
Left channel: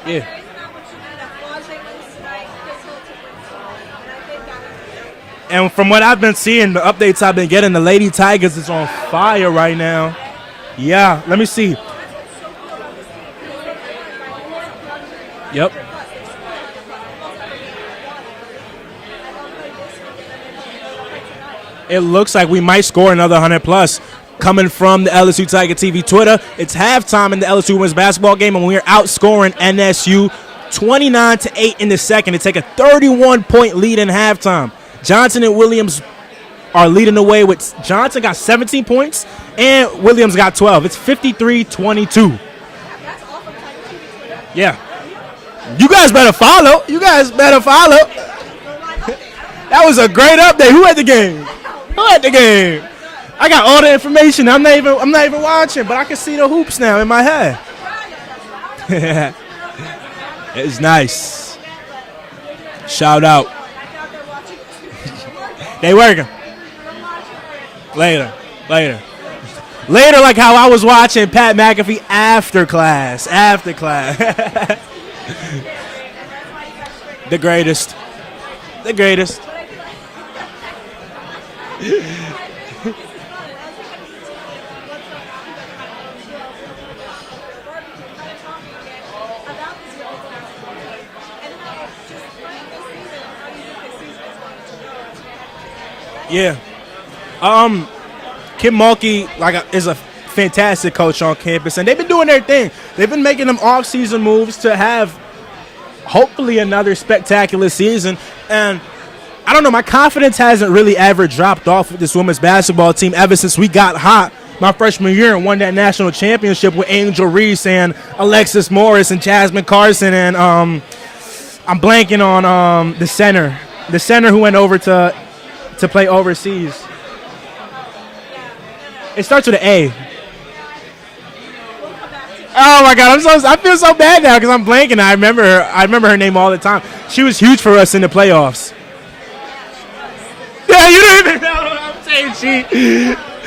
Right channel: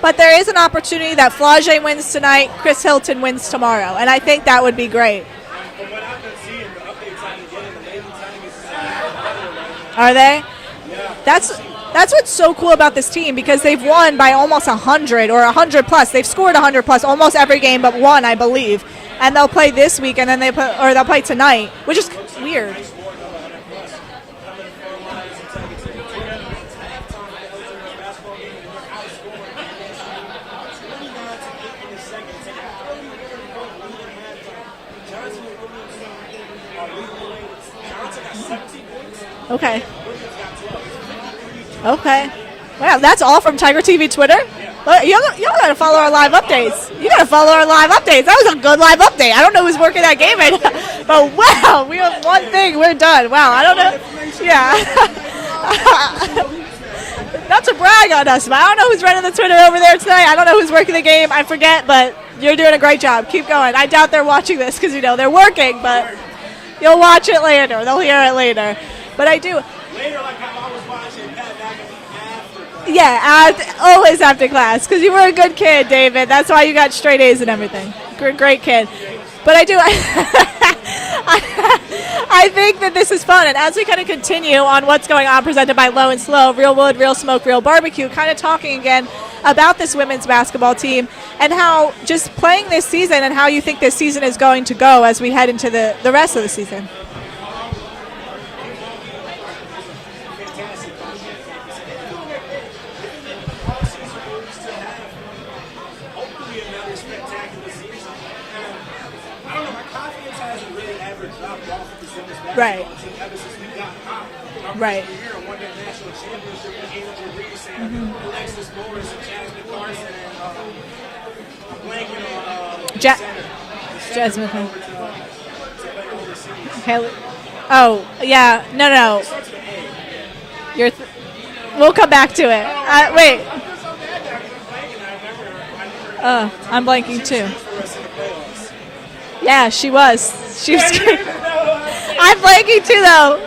But there is an opportunity that Flage wins tonight, Chris Hilton wins tomorrow. And I think that would be great. And from what I've been seeing, the updates I've been getting, the Lady Tigers is on fire right now. Are they? Yeah, let me see. That's what's so cool about this team because they've won by almost 100 or 100 plus. They've scored 100 plus almost every game but one, I believe. And they'll play this week and then they'll play tonight. Which looks like we might score another 100 plus. Coming from the LSU Tiger TV Twitter, it's halftime in the LSU women's basketball game, and we're outscoring NSU 29-8 in the second to take a 31-point lead in halftime. Johnson and Williams are leading the way with Johnson got 17 points and Williams got 12. It's 53-22. Okay. Wow, that's all from Tiger TV Twitter? Yeah. You guys better follow. You guys better follow. That was a good live update. I don't know who's That was a great update. Who had the game? Oh, wow. We had the game. We're done. Wow. I got all the information. Yeah. I'm not even watching, but I can see the hoops now in my head. Not to brag on us, but I don't know who's running the Twitter over there tonight. I don't know who's working the game. I forget, but you're doing a great job. Keep going. I doubt they're watching this because, they're working. They're working. You'll watch it later. They'll hear it later. But I do. Later, like how I was watching Pat McAfee after class. Yeah, after class. Always after class. Because you were a good kid, David. That's why you got straight A's. The greatest. Great kid. The greatest. But I do. I think that this is fun. And as we kind of continue on what's going on presented by Low and Slow, Real Wood, Real Smoke, Real Barbecue, kind of talking again about this women's basketball team and how just playing this season and how you think this season is going to go as we head into the rest of the season. Kim Mulkey is a fantastic coach on campus, and they've been doing their thing. They've been making them off-season moves to have hopefully another spectacular season. And I don't know, my confidence hasn't really ever dropped off with this women's basketball team ever since we got hot my freshman year and won that national championship with Angel Reese and Alexis Morris and Jasmine Carson and I'm blanking on the center who went over to play overseas. No. It starts with an A. We'll come back to it. Oh my God, I feel so bad now because I'm blanking. I remember her name all the time. I'm blanking She was huge for us in the playoffs. Yeah, she was. You didn't even know. I'm blanking too, though.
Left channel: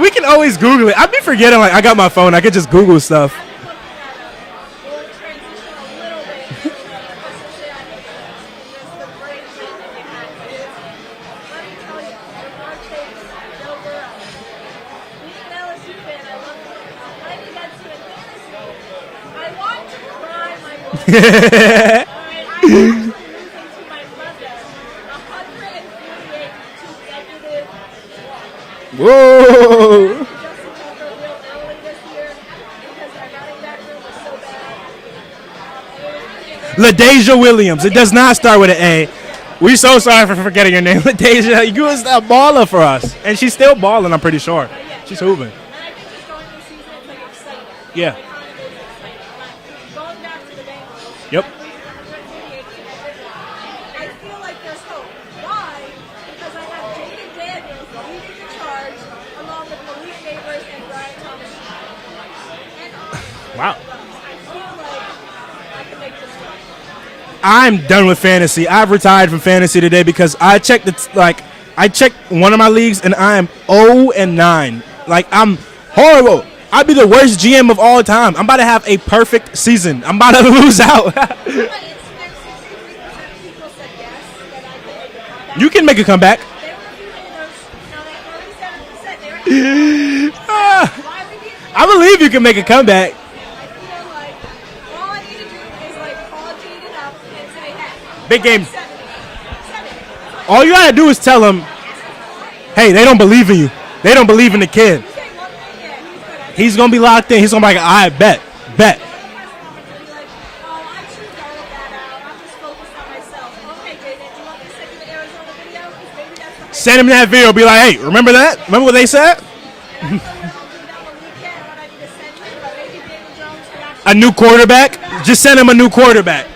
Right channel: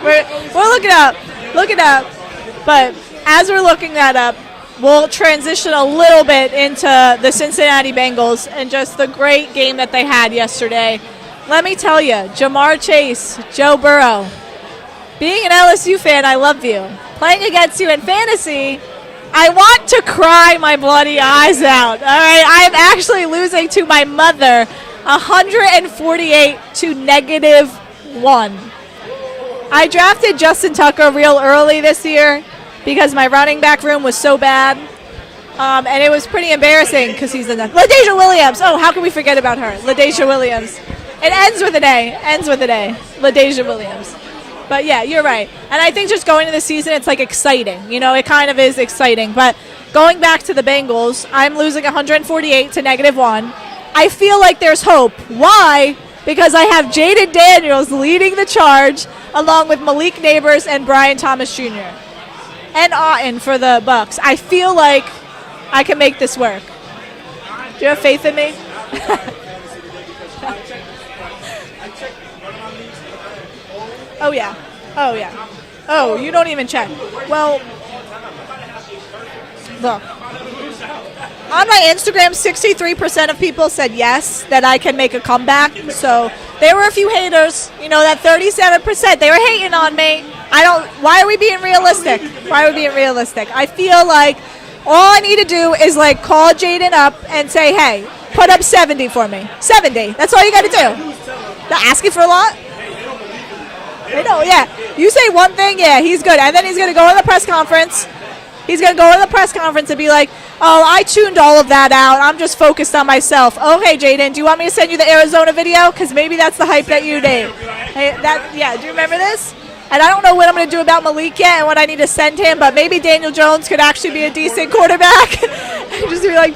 We can always Google it. I be forgetting. I got my phone. I could just Google stuff. As we're looking that up, we'll transition a little bit into the Cincinnati Bengals and just the great game that they had yesterday. Let me tell you, Jamar Chase, Joe Burrow, being an LSU fan, I love you. Playing against you in fantasy, I want to cry my bloody eyes out. All right, I'm actually losing to my mother 148 to -1. Whoa. I drafted Justin Tucker real early this year because my running back room was so bad. And it was pretty embarrassing. LaDasia Williams. It does not start with an A. How can we forget about her? We're so sorry for forgetting your name. LaDasia, you was a baller for us. And she's still balling, I'm pretty sure. But yeah, you're right. And I think just going into the season, it's like exciting. It kind of is exciting. But going back to the Bengals, I'm losing 148 to -1. I feel like there's hope. Why? Because I have Jaden Daniels leading the charge along with Malik Neighbors and Brian Thomas Jr. and Otten for the Bucks. I feel like I can make this work. I'm done with fantasy. I've retired from fantasy today because I checked I checked one of my leagues and I am 0-9. I'm horrible. I'd be the worst GM of all time. I'm about to have a perfect season. I'm about to lose out. On my Instagram, 63% of people said yes, that I can make a comeback. You can make a comeback. There were a few haters. That 37%, they were hating on me. Why are we being realistic? I believe you can make a comeback. Realistic. I feel like all I need to do is call Jaden up and say, hey, put up 70 for me. 70. That's all you got to do. All you got to do is tell them. Asking for a lot? Hey, they don't believe in you. They don't believe in the kid. You say one thing, he's good. And then he's going to be locked in. He's going to be like, I bet. He's going to go to the press conference and be like, oh, I tuned all of that out. I'm just focused on myself. Okay, Jaden, do you want me to send you the Arizona video? Because maybe that's the hype. Send him that video. Be like, hey, remember that? Yeah, remember what they said? And I don't know what I'm going to do about Malik yet and what I need to send him, but maybe Daniel Jones could actually be a new quarterback. Just send him a new quarterback. I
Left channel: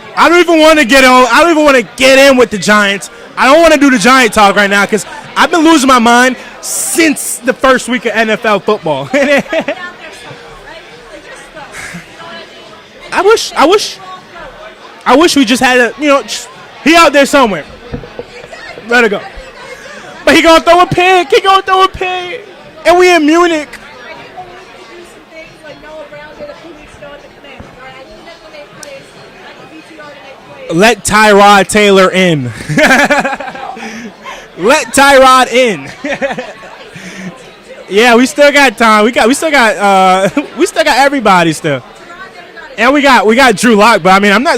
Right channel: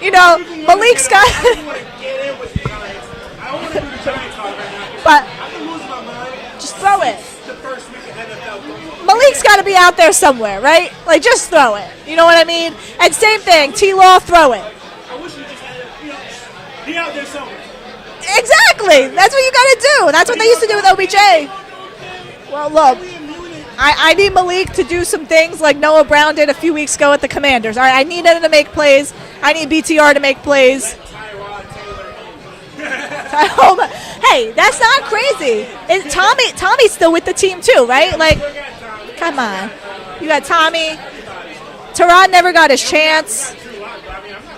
don't even want to get on. I don't even want to get in with the Giants. I don't want to do the Giant talk right now because I've been losing my mind since the first week of NFL football. Malik's got to be out there somewhere, right? Just throw it. You know what I mean? And same thing, T-Law, throw it. I wish we just had he out there somewhere. Exactly. That's what you got to do. That's but what he gonna throw a pin. He gonna throw a pin. Well, look, and we in Munich. I need Malik to do some things like Noah Brown did a few weeks ago at the Commanders. All right, I need him to make plays. I need BTR to make plays. Let Tyrod Taylor in. Hey, that's Let not Tyrod crazy. in. And Tommy's still with the team too, right? Yeah, we still got Tom. We still got Tommy. we still got everybody still. Terod never got his chance. And we got Drew Lock, but I mean, I'm not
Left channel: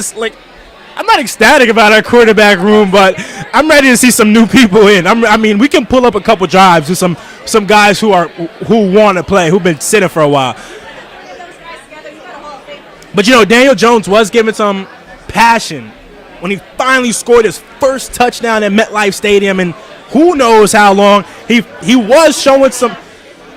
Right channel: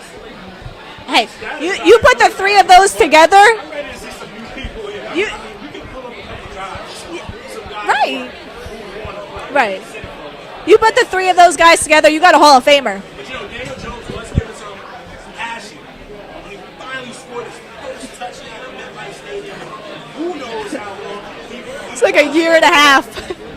ecstatic about our quarterback room, but together? I'm ready to see some new people in. I mean, we can pull up a couple drives with some guys who want to play, who've been sitting for a while. You put the three of those guys together, you got a Hall of Famer. But Daniel Jones was given some passion when he finally scored his first touchdown at MetLife Stadium, and who knows how long he was showing some.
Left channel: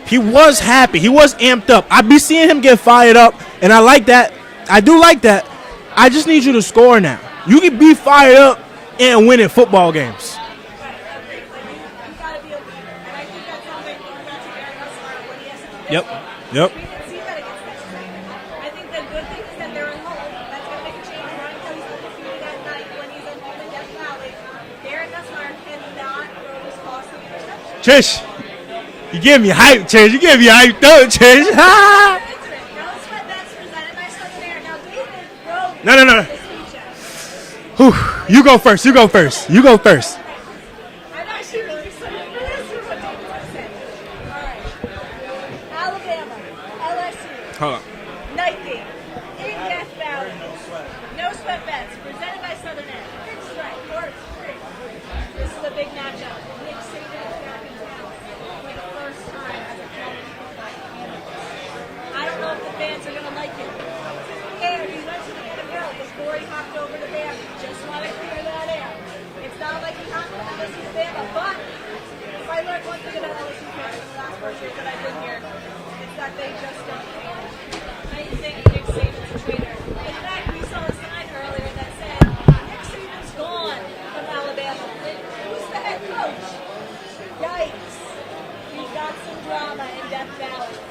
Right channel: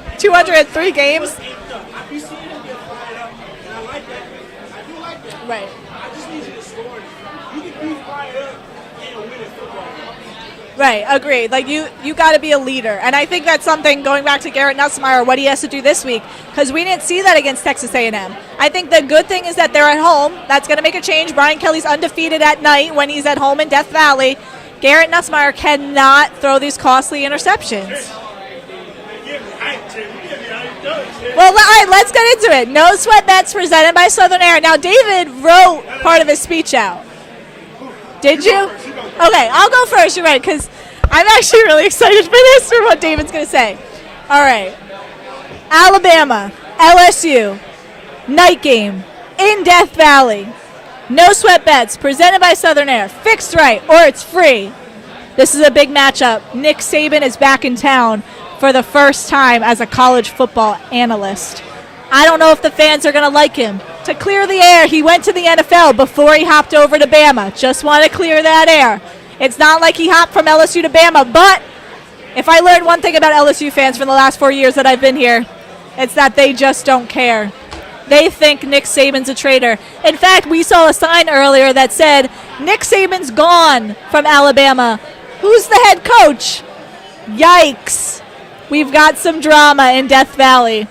He was happy. He was amped up. I be seeing him get fired up, and I like that. I do like that. Right. I just need you to score now. You can be fired up and win in football games. Right, agreed. Like you got to be a leader, and I think that's something going back to Garrett Nussmeier, what he has to do this week, because we didn't see that against Texas A&M. I think the good thing is that they're at home. That's going to make a change. Brian Kelly's undefeated at night when he's at home in Death Valley. Garrett Nussmeier cannot throw these costly interceptions. Trish, you give me hype, Trish. You give me hype, don't Trish. Well, let's get into it. No Sweat Bets presented by Southern Air. Now, David wrote part of his speech out. You go first. Okay, I'll go first. You're right, because I'm actually really excited for this, for what David's going to say. All right. Alabama, LSU, night game in Death Valley. No Sweat Bets presented by Southern Air. Fixed right, or it's free. This is a big matchup. Nick Saban is back in town for the first time as a college football analyst. I don't know if the fans are going to like him. To clear the air, he went to the NFL before he hopped over to Bama. Just want to clear that air. It's not like he hopped from LSU to Bama, but if I learned one thing about LSU fans from the last 4 years that I've been here, it's that they just don't care. They think Nick Saban's a traitor. In fact, we saw a sign earlier that said, Nick Saban's gone from Alabama. Who's the head coach? Yikes. We've got some drama in Death Valley.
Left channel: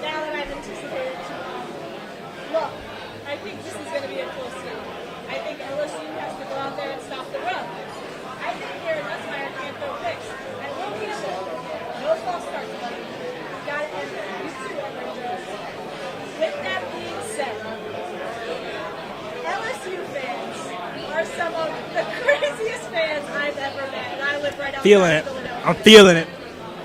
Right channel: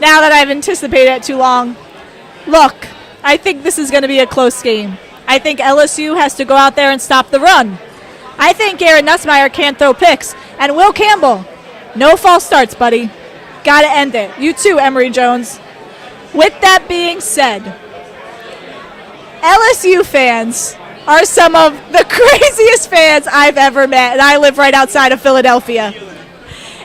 Now that I've anticipated it too long, look, I think this is going to be a close game. I think LSU has to go out there and stop the run. I think Garrett Nussmeier can't throw picks. And Will Campbell, no false starts, buddy. Got to end it. You too, Emory Jones. With that being said, LSU fans are some of the craziest fans I've ever met, and I live right outside of Philadelphia. I'm feeling it.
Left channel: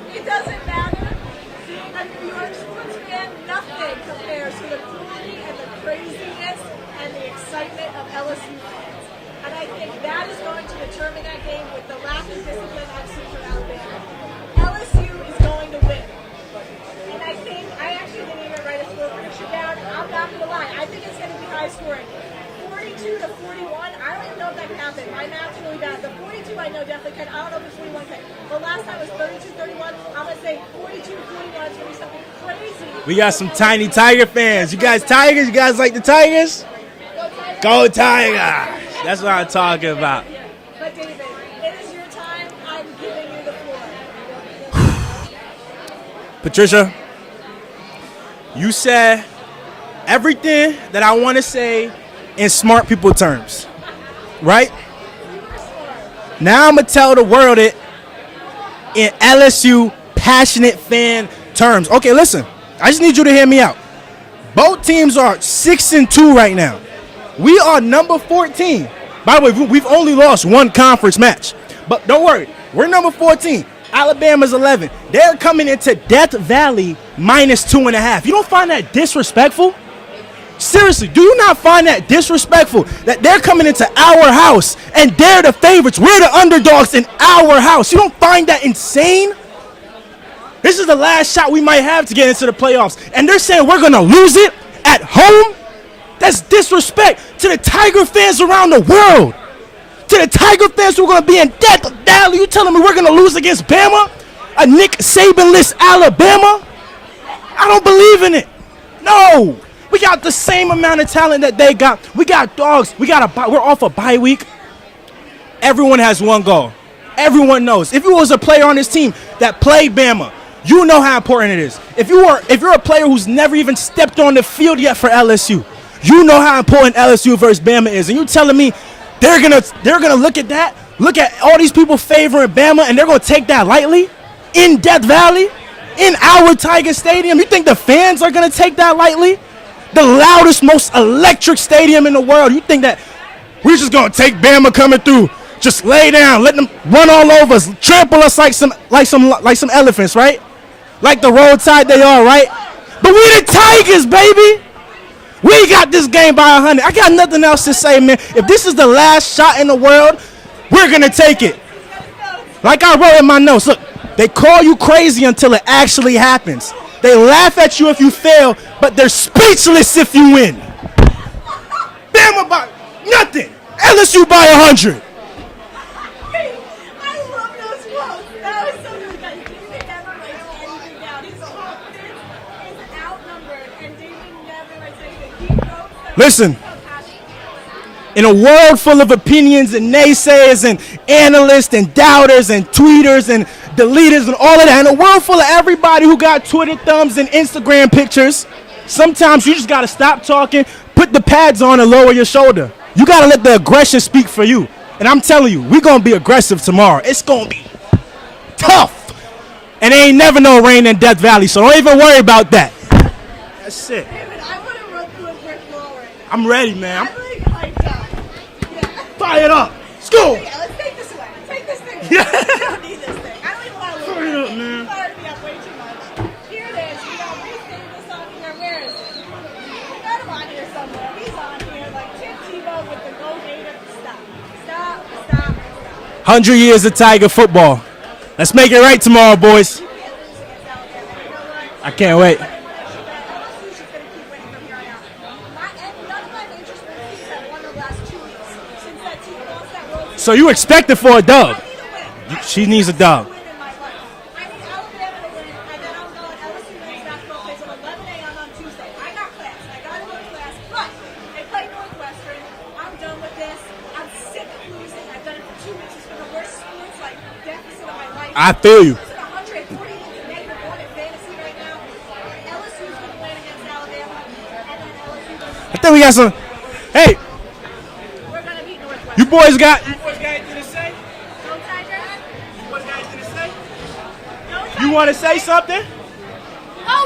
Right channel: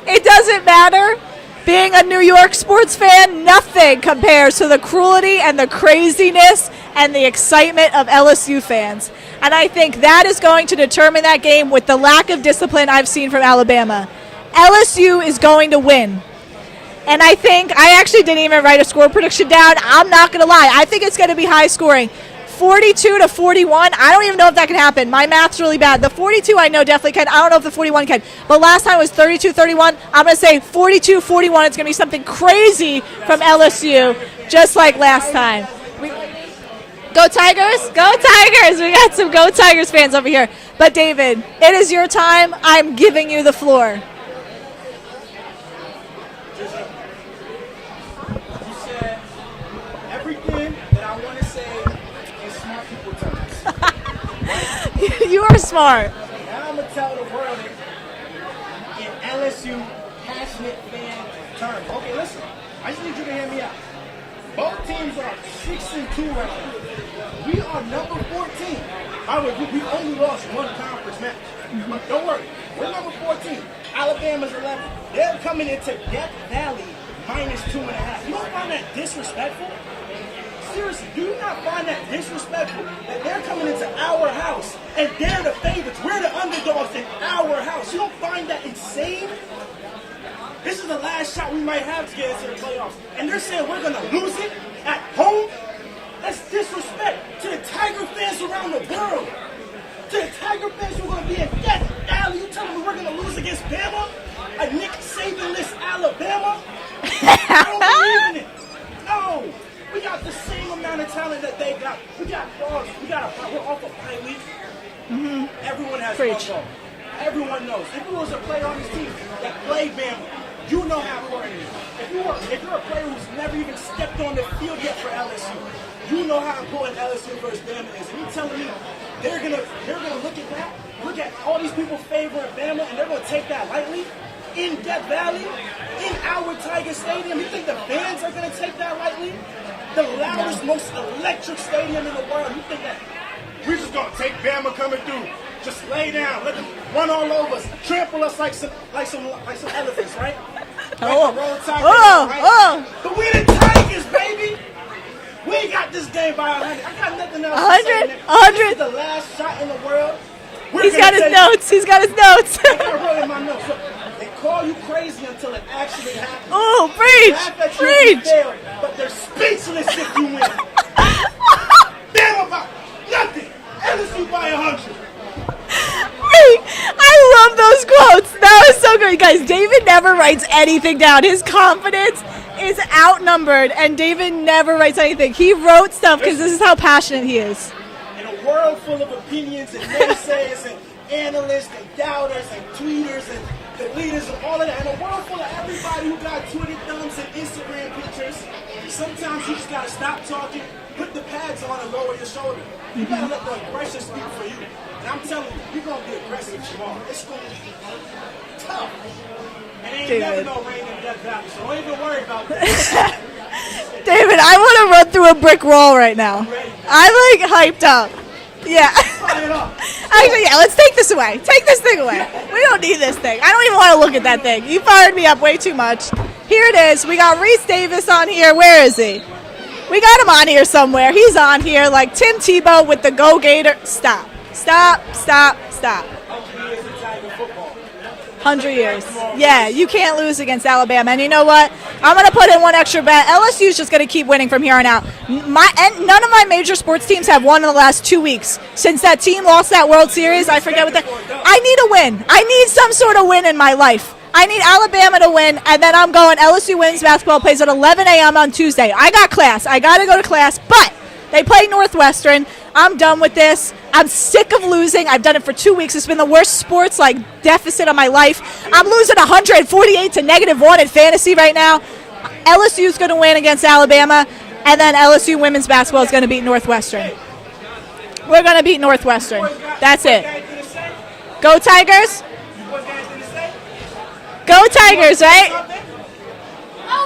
It doesn't matter. Being a New York sports fan, nothing compares to the cruelty and the craziness and the excitement of LSU fans. And I think that is going to determine that game with the lack of discipline I've seen from Alabama. LSU is going to win. And I think, I actually didn't even write a score prediction down. I'm not going to lie. I think it's going to be high scoring. 42-41, I don't even know if that can happen. My math's really bad. The 42 I know definitely can. I don't know if the 41 can. But last time it was 32-31. I'm going to say 42-41. It's going to be something crazy we got from some LSU. Tiny Tiger fans. Just you like guys last Tigers? time. You guys like the Tigers? Go Tigers. Go Tigers. Go Tigers. We got That's some what Go I'm Tigers talking fans about. over here. But David, it is your time. I'm giving you the floor. Patricia, you said everything that I want to say in smart people terms, right? You are smart. Now I'm going to tell the world it in LSU passionate fan terms. Okay, listen, I just need you to hear me out. Both teams are 6-2 right now. We are number 14. By the way, we've only lost one conference match. But don't worry, we're number 14. Alabama's 11. They're coming into Death Valley -2.5. You don't find that disrespectful? Seriously, do you not find that disrespectful that they're coming into our house and they're the favorites? We're the underdogs in our house. You don't find that insane? This is the last shot we might have to get into the playoffs. And they're saying we're going to lose it at home? That's disrespect to the Tiger fans around the world. To the Tiger fans who are going to be in Death Valley. You telling me we're going to lose against Bama? A Nick Saban-less Alabama? I don't believe in it. No. We got the same amount of talent that they got. We got dogs. We're off a bye week. Everyone has one goal. Everyone knows. If you was a player on this team that played Bama, you know how important it is. If you're a player who's never even stepped on the field yet for LSU, You know how important LSU versus Bama is, and you telling me they're gonna look at that, look at all these people favoring Bama, and they're gonna take that lightly in Death Valley, in our Tiger Stadium? You think the fans are gonna take that lightly? The loudest, most electric stadium in the world. You think that we're just gonna take Bama coming through, just lay down, let them run all over us, trample us like some elephants, right? Like the road tide they are, right? But we the Tigers, baby. We got this game by 100. I got nothing else to say, man. If this is the last shot in the world, we're going to take it. He's got his notes. Like I wrote in my notes. Look, they call you crazy until it actually happens. They laugh at you if you fail, but they're speechless if you win. Bama by nothing. LSU by 100. I love those quotes. That was so good. Guys, David never writes anything down. His confidence is outnumbered, and David never writes anything. He wrote stuff. Listen, this is how passionate he is. In a world full of opinions and naysayers and analysts and doubters and tweeters and deleters and all of that, in a world full of everybody who got Twitter thumbs and Instagram pictures, sometimes you just got to stop talking, put the pads on, and lower your shoulder. You got to let the aggression speak for you. And I'm telling you, we're going to be aggressive tomorrow. It's going to be tough. And there ain't never no rain in Death Valley, so don't even worry about that. That's it. David, I want to run through a brick wall right now. I'm ready, man. I'm like hyped up. Yeah. Fire it up. Actually, yeah, let's take this away. Take this thing away. We don't need this thing. I don't even want to look at that thing. You fired me up way too much. Here it is. We got Rece Davis on here. Where is he? We got him on here somewhere. He's on here like Tim Tebow with the Go Gator. Stop. 100 years of Tiger football. Let's make it right tomorrow, boys. Yeah, you can't lose against Alabama. And you know what? I can't I'm going to put in one extra bet. LSU's just going to keep winning from here on out. None of my major sports teams have won in the last 2 weeks since that team lost that World Series. So you expect it for a dub? I need a win. I need some sort of win in my life. I need Alabama to win, and then I'm going LSU women's basketball plays at 11 a.m. on Tuesday. I got class. I got to go to class, but they play Northwestern. I'm done with this. I'm sick of losing. I've done it for 2 weeks. It's been the worst sports deficit of my life. I'm losing 148 to -1 in fantasy right now. LSU's going to win against Alabama, and then LSU women's basketball is going to beat Northwestern. Hey, we're going to beat Northwestern. You boys got. That's it. Go Tigers. Go Tigers, right? Go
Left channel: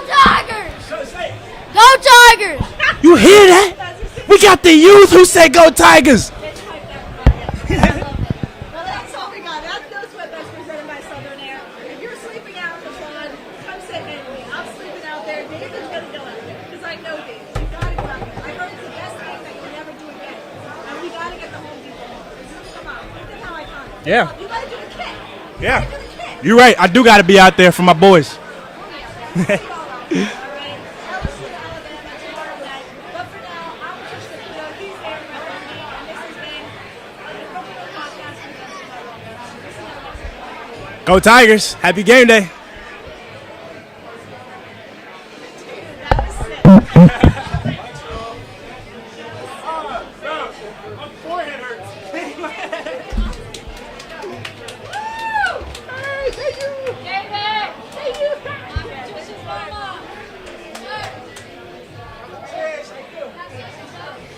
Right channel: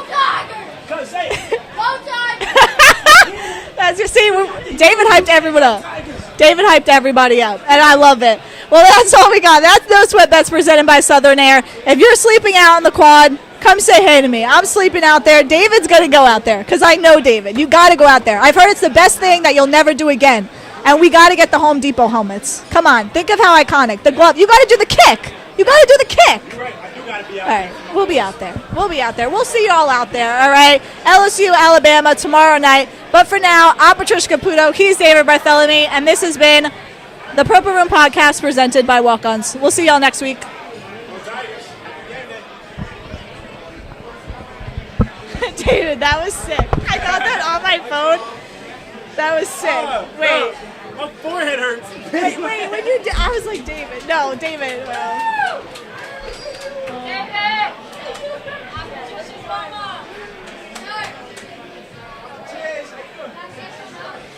Tigers! Go Tigers! You hear that? That's your see. We got the youth who say go Tigers. David hyped everybody up, and I love it. Well, that's all we got. That's No Sweat Bets presented by Southern Air. If you're sleeping out in the quad, come say hey to me. I'm sleeping out there. David's going to go out there because I know David. You got to go out there. I've heard it's the best thing that you'll never do again. And we got to get the Home Depot helmets. Come on. Think of how iconic. The glove. You got to do the kick. You got to do the kick. You're right. I do got to be out there for my boys. We'll be out there. We'll see you all out there, all right? LSU, Alabama, tomorrow night. But for now, I'm Patricia Caputo. He's David Bartholomew. And this has been the Purple Room Podcast presented by Walk-Ons. We'll see y'all next week. Go Tigers. Happy game day. David, that was sick. I got that on my phone. That was sick. Wait. My forehead hurts. Wait, when you did, I was like, David. No, David. David!